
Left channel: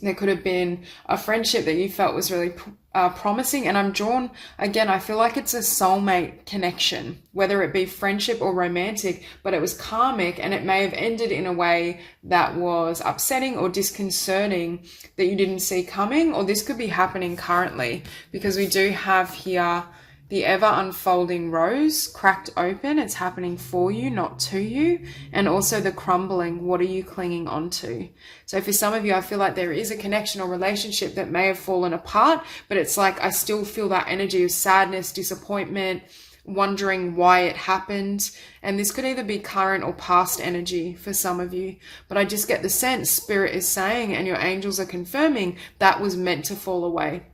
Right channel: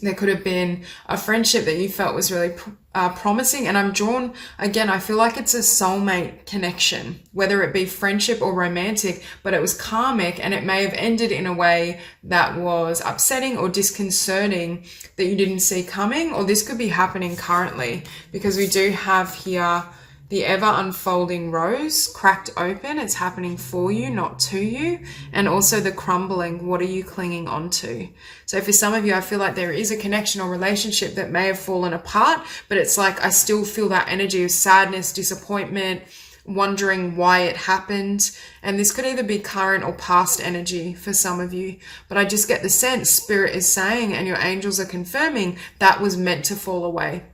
There could have been a friendship that you felt was really promising. And I'm drawn, again, I feel like it's a soulmate connection, whether it be friendship or romantic, but it was karmic, and it may have ended in a way that was upsetting or disconcerting that you didn't see coming. Or this could be happening currently, because we do have here the ever unfolding rose cracked open. It's happening for you, not to you. And also the crumbling. What are you clinging onto? So for some of you, I feel like there is a connection or relationship that may have fallen apart, but it's like I still feel that energy of sadness, disappointment, wondering why it happened. And this could either be current or past energy for some of you. But I just get the sense Spirit is saying, and your angels are confirming, that was meant to fall away.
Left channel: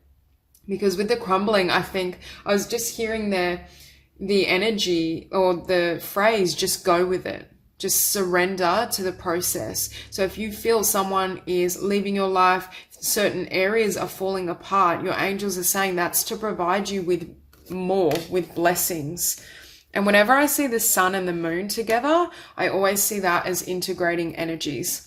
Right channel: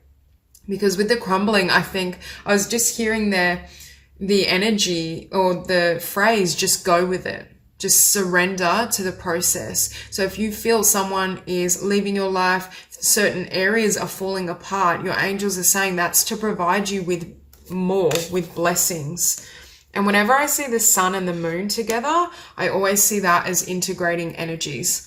Because with the crumbling, I think I was just hearing the energy or the phrase, just go with it. Just surrender to the process. So if you feel someone is leaving your life, certain areas are falling apart, your angels are saying that's to provide you with more, with blessings. And whenever I see the sun and the moon together, I always see that as integrating energies.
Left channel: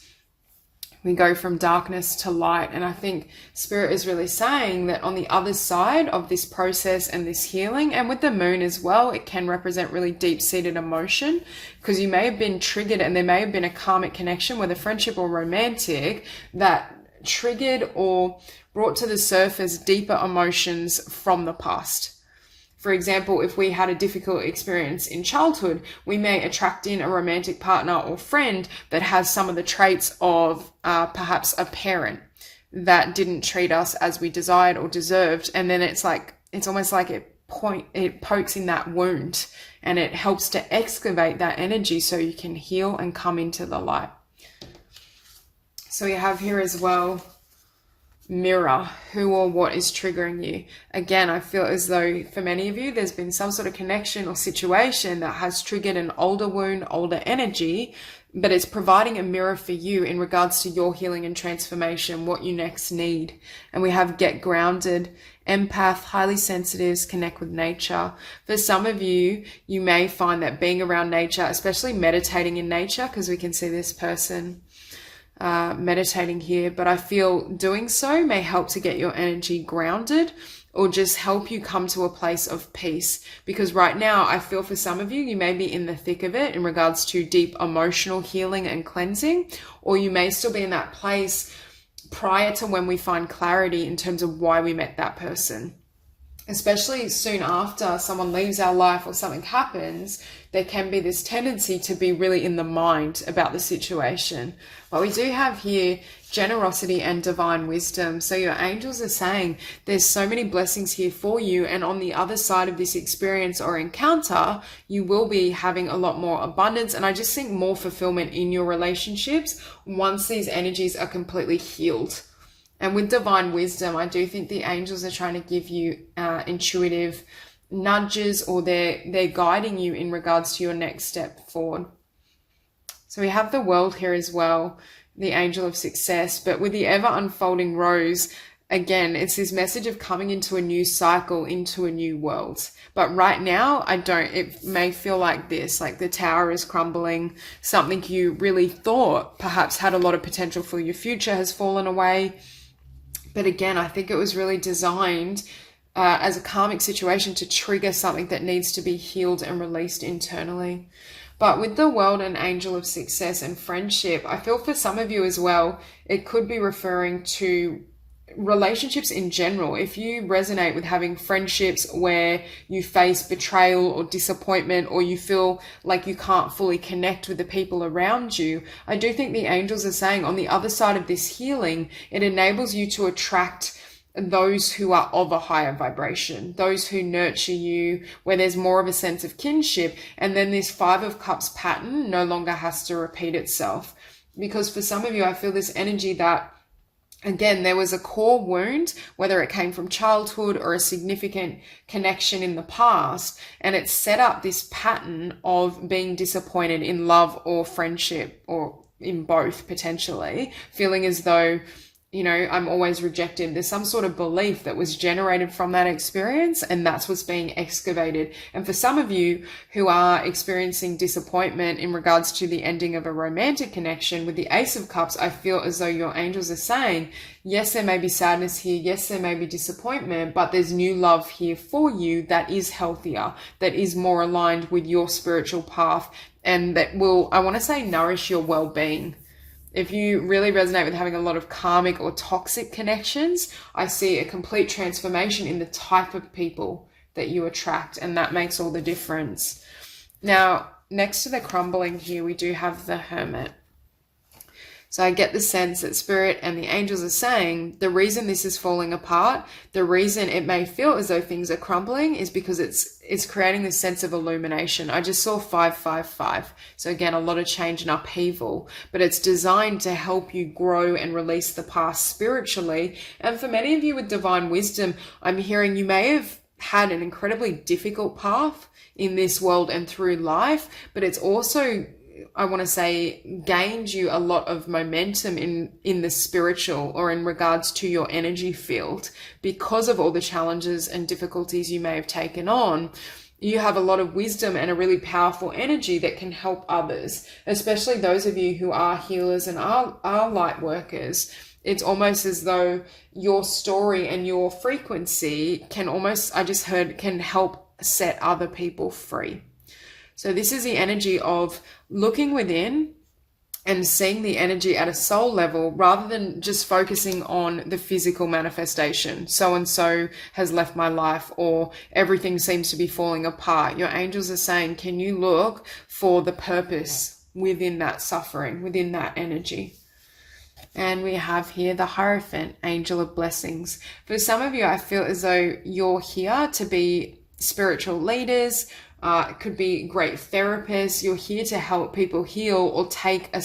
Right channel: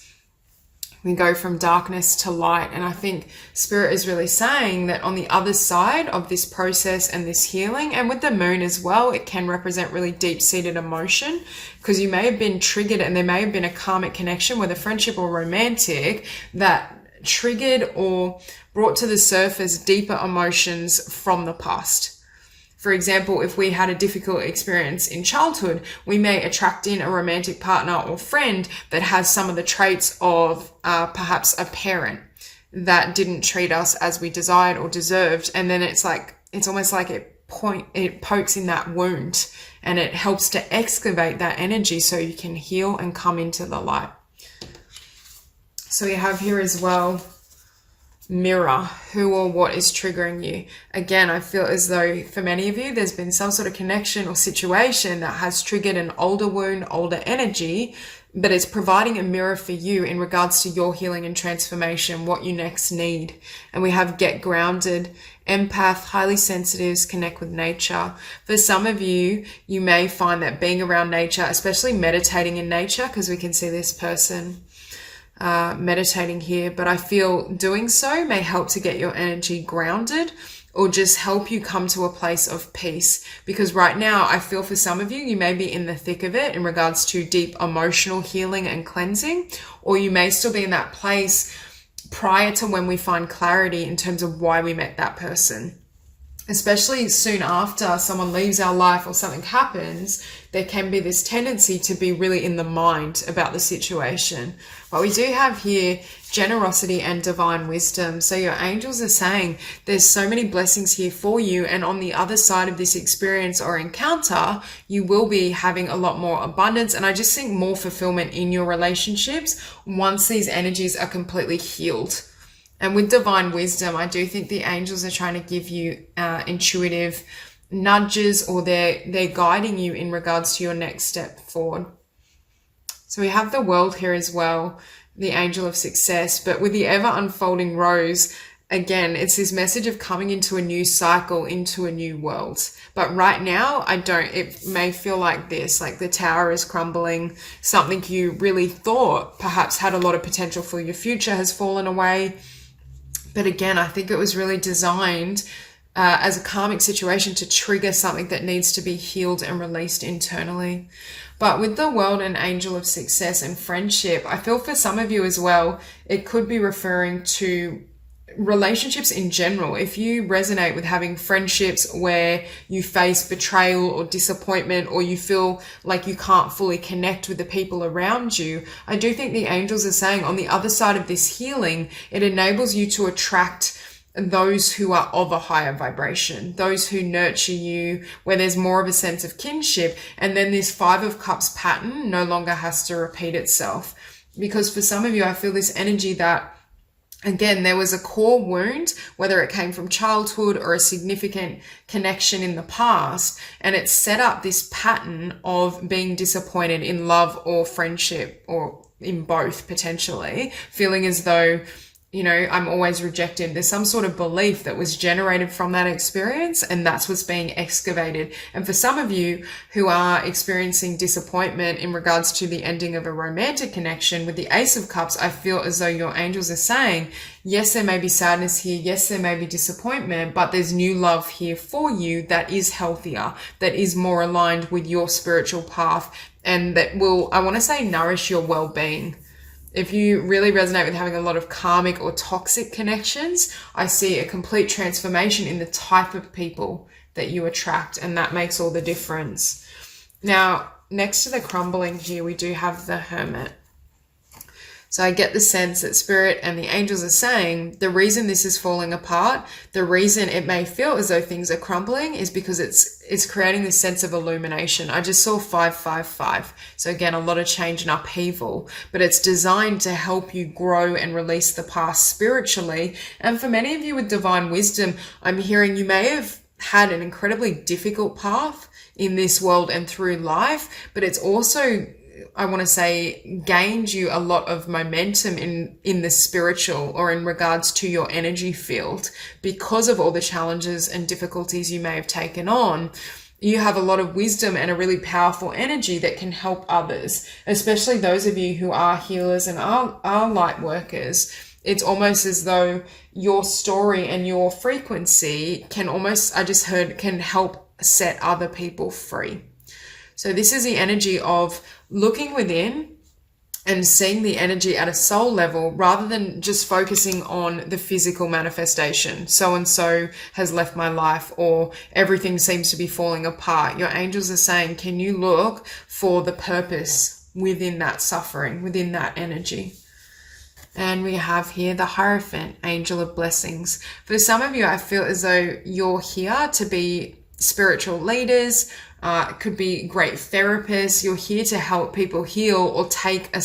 We go from darkness to light. And I think Spirit is really saying that on the other side of this process and this healing, and with the moon as well, it can represent really deep-seated emotion, because you may have been triggered, and there may have been a karmic connection, whether friendship or romantic, that triggered or brought to the surface deeper emotions from the past. For example, if we had a difficult experience in childhood, we may attract in a romantic partner or friend that has some of the traits of perhaps a parent that didn't treat us as we desired or deserved. And then it's almost like it pokes in that wound, and it helps to excavate that energy so you can heal and come into the light. So we have here as well, mirror who or what is triggering you. Again, I feel as though for many of you, there's been some sort of connection or situation that has triggered an older wound, older energy, but it's providing a mirror for you in regards to your healing and transformation, what you next need. And we have get grounded, empath, highly sensitives, connect with nature. For some of you, you may find that being around nature, especially meditating in nature, because we can see this person meditating here, but I feel doing so may help to get your energy grounded, or just help you come to a place of peace. Because right now, I feel for some of you, you may be in the thick of it in regards to deep emotional healing and cleansing, or you may still be in that place prior to when we find clarity in terms of why we met that person. Especially soon after someone leaves our life or something happens, there can be this tendency to be really in the mind about the situation. But we do have here generosity and divine wisdom. So your angels are saying there's so many blessings here for you. And on the other side of this experience or encounter, you will be having a lot more abundance. And I just think more fulfillment in your relationships once these energies are completely healed. And with divine wisdom, I do think the angels are trying to give you intuitive nudges, or they're guiding you in regards to your next step forward. So we have the World here as well, the Angel of Success, but with the ever unfolding rose, again, it's this message of coming into a new cycle, into a new world. But right now, it may feel like this, like the tower is crumbling, something you really thought perhaps had a lot of potential for your future has fallen away. But again, I think it was really designed as a karmic situation to trigger something that needs to be healed and released internally. But with the World and Angel of Success and friendship, I feel for some of you as well, it could be referring to relationships in general. If you resonate with having friendships where you face betrayal or disappointment, or you feel like you can't fully connect with the people around you, I do think the angels are saying on the other side of this healing, it enables you to attract those who are of a higher vibration, those who nurture you, where there's more of a sense of kinship. And then this Five of Cups pattern no longer has to repeat itself. Because for some of you, I feel this energy that, again, there was a core wound, whether it came from childhood or a significant connection in the past, and it set up this pattern of being disappointed in love or friendship, or in both potentially, feeling as though, you know, I'm always rejected. There's some sort of belief that was generated from that experience, and that's what's being excavated. And for some of you who are experiencing disappointment in regards to the ending of a romantic connection with the Ace of Cups, I feel as though your angels are saying, yes, there may be sadness here. Yes, there may be disappointment, but there's new love here for you that is healthier, that is more aligned with your spiritual path, and that will, I want to say, nourish your well-being. If you really resonate with having a lot of karmic or toxic connections, I see a complete transformation in the type of people that you attract, and that makes all the difference. Now, next to the crumbling here, we do have the Hermit. So I get the sense that Spirit and the angels are saying the reason this is falling apart, the reason it may feel as though things are crumbling, is because it's creating this sense of illumination. I just saw 555. So again, a lot of change and upheaval, but it's designed to help you grow and release the past spiritually. And for many of you with divine wisdom, I'm hearing you may have had an incredibly difficult path in this world and through life, but it's also, I want to say, gained you a lot of momentum in the spiritual, or in regards to your energy field, because of all the challenges and difficulties you may have taken on. You have a lot of wisdom and a really powerful energy that can help others, especially those of you who are healers and are light workers. It's almost as though your story and your frequency can almost, I just heard, can help set other people free. So this is the energy of looking within and seeing the energy at a soul level, rather than just focusing on the physical manifestation. So-and-so has left my life, or everything seems to be falling apart. Your angels are saying, can you look for the purpose within that suffering, within that energy? And we have here the Hierophant, Angel of Blessings. For some of you, I feel as though you're here to be spiritual leaders, could be great therapists. You're here to help people heal, or take a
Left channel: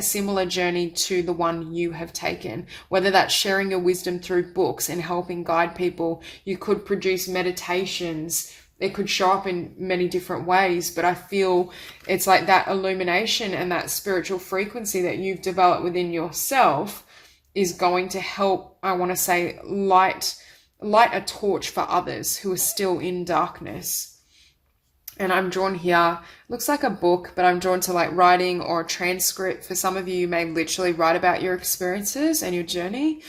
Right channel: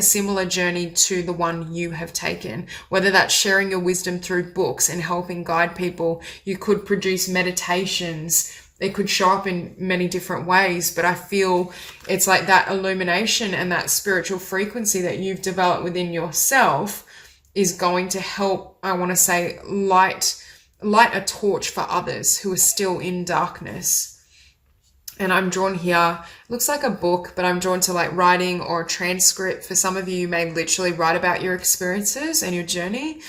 similar journey to the one you have taken, whether that's sharing your wisdom through books and helping guide people. You could produce meditations. It could show up in many different ways, but I feel it's like that illumination and that spiritual frequency that you've developed within yourself is going to help, I want to say, light a torch for others who are still in darkness. And I'm drawn here, looks like a book, but I'm drawn to like writing or a transcript. For some of you, you may literally write about your experiences and your journey.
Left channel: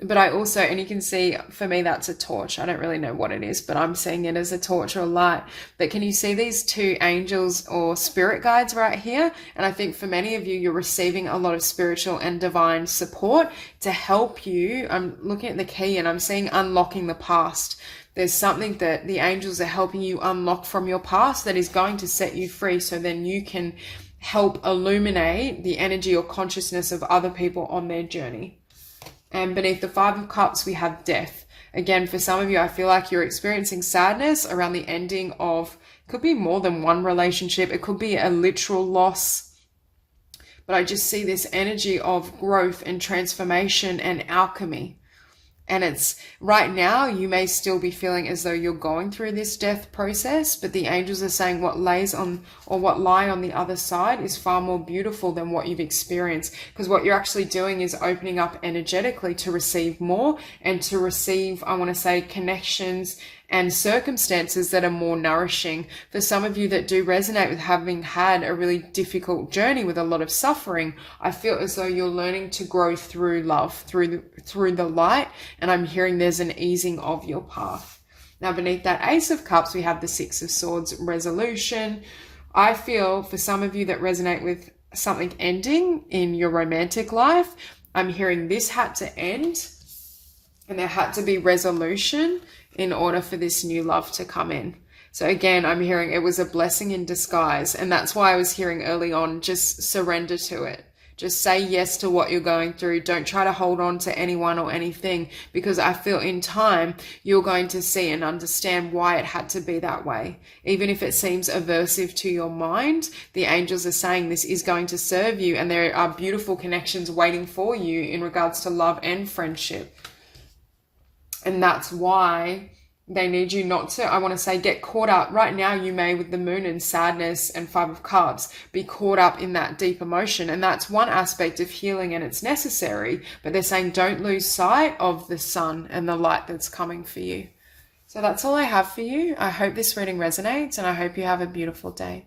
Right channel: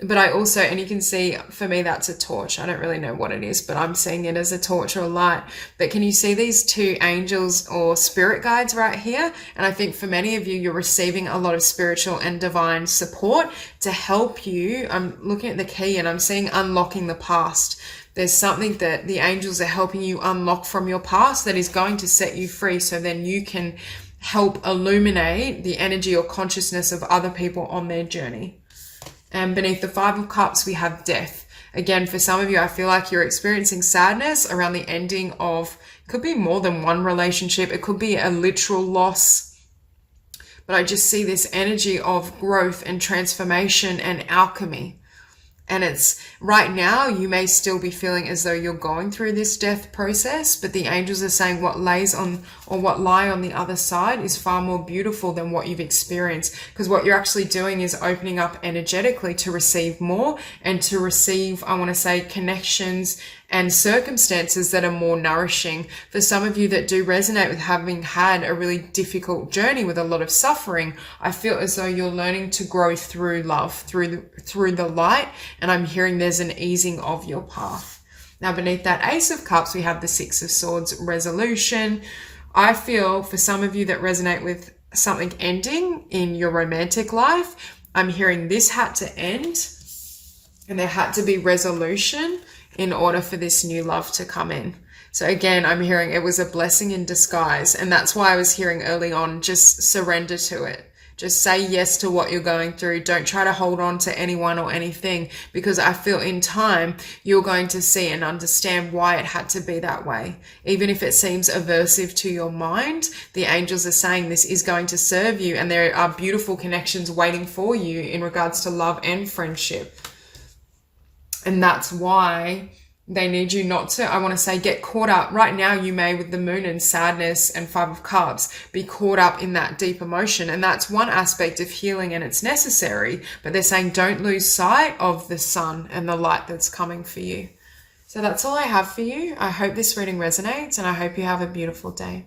But I also, and you can see, for me, that's a torch. I don't really know what it is, but I'm seeing it as a torch or light. But can you see these two angels or spirit guides right here? And I think for many of you, you're receiving a lot of spiritual and divine support to help you. I'm looking at the key and I'm seeing unlocking the past. There's something that the angels are helping you unlock from your past that is going to set you free, so then you can help illuminate the energy or consciousness of other people on their journey. And beneath the Five of Cups, we have Death. Again, for some of you, I feel like you're experiencing sadness around the ending of, it could be more than one relationship. It could be a literal loss. But I just see this energy of growth and transformation and alchemy. And it's right now, you may still be feeling as though you're going through this death process, but the angels are saying what lays on, or what lie on the other side is far more beautiful than what you've experienced. Because what you're actually doing is opening up energetically to receive more, and to receive, I want to say, connections and circumstances that are more nourishing. For some of you that do resonate with having had a really difficult journey with a lot of suffering, I feel as though you're learning to grow through love, through the light, and I'm hearing there's an easing of your path. Now, beneath that Ace of Cups, we have the Six of Swords, resolution. I feel for some of you that resonate with something ending in your romantic life, I'm hearing this had to end, and there had to be resolution in order for this new love to come in. So again, I'm hearing it was a blessing in disguise. And that's why I was hearing early on, just surrender to it. Just say yes to what you're going through. Don't try to hold on to anyone or anything, because I feel in time you're going to see and understand why it had to be that way. Even if it seems aversive to your mind, the angels are saying this is going to serve you, and there are beautiful connections waiting for you in regards to love and friendship. And that's why they need you not to, I want to say, get caught up. Right now, you may, with the moon and sadness and Five of Cups, be caught up in that deep emotion. And that's one aspect of healing, and it's necessary. But they're saying don't lose sight of the sun and the light that's coming for you. So that's all I have for you. I hope this reading resonates, and I hope you have a beautiful day.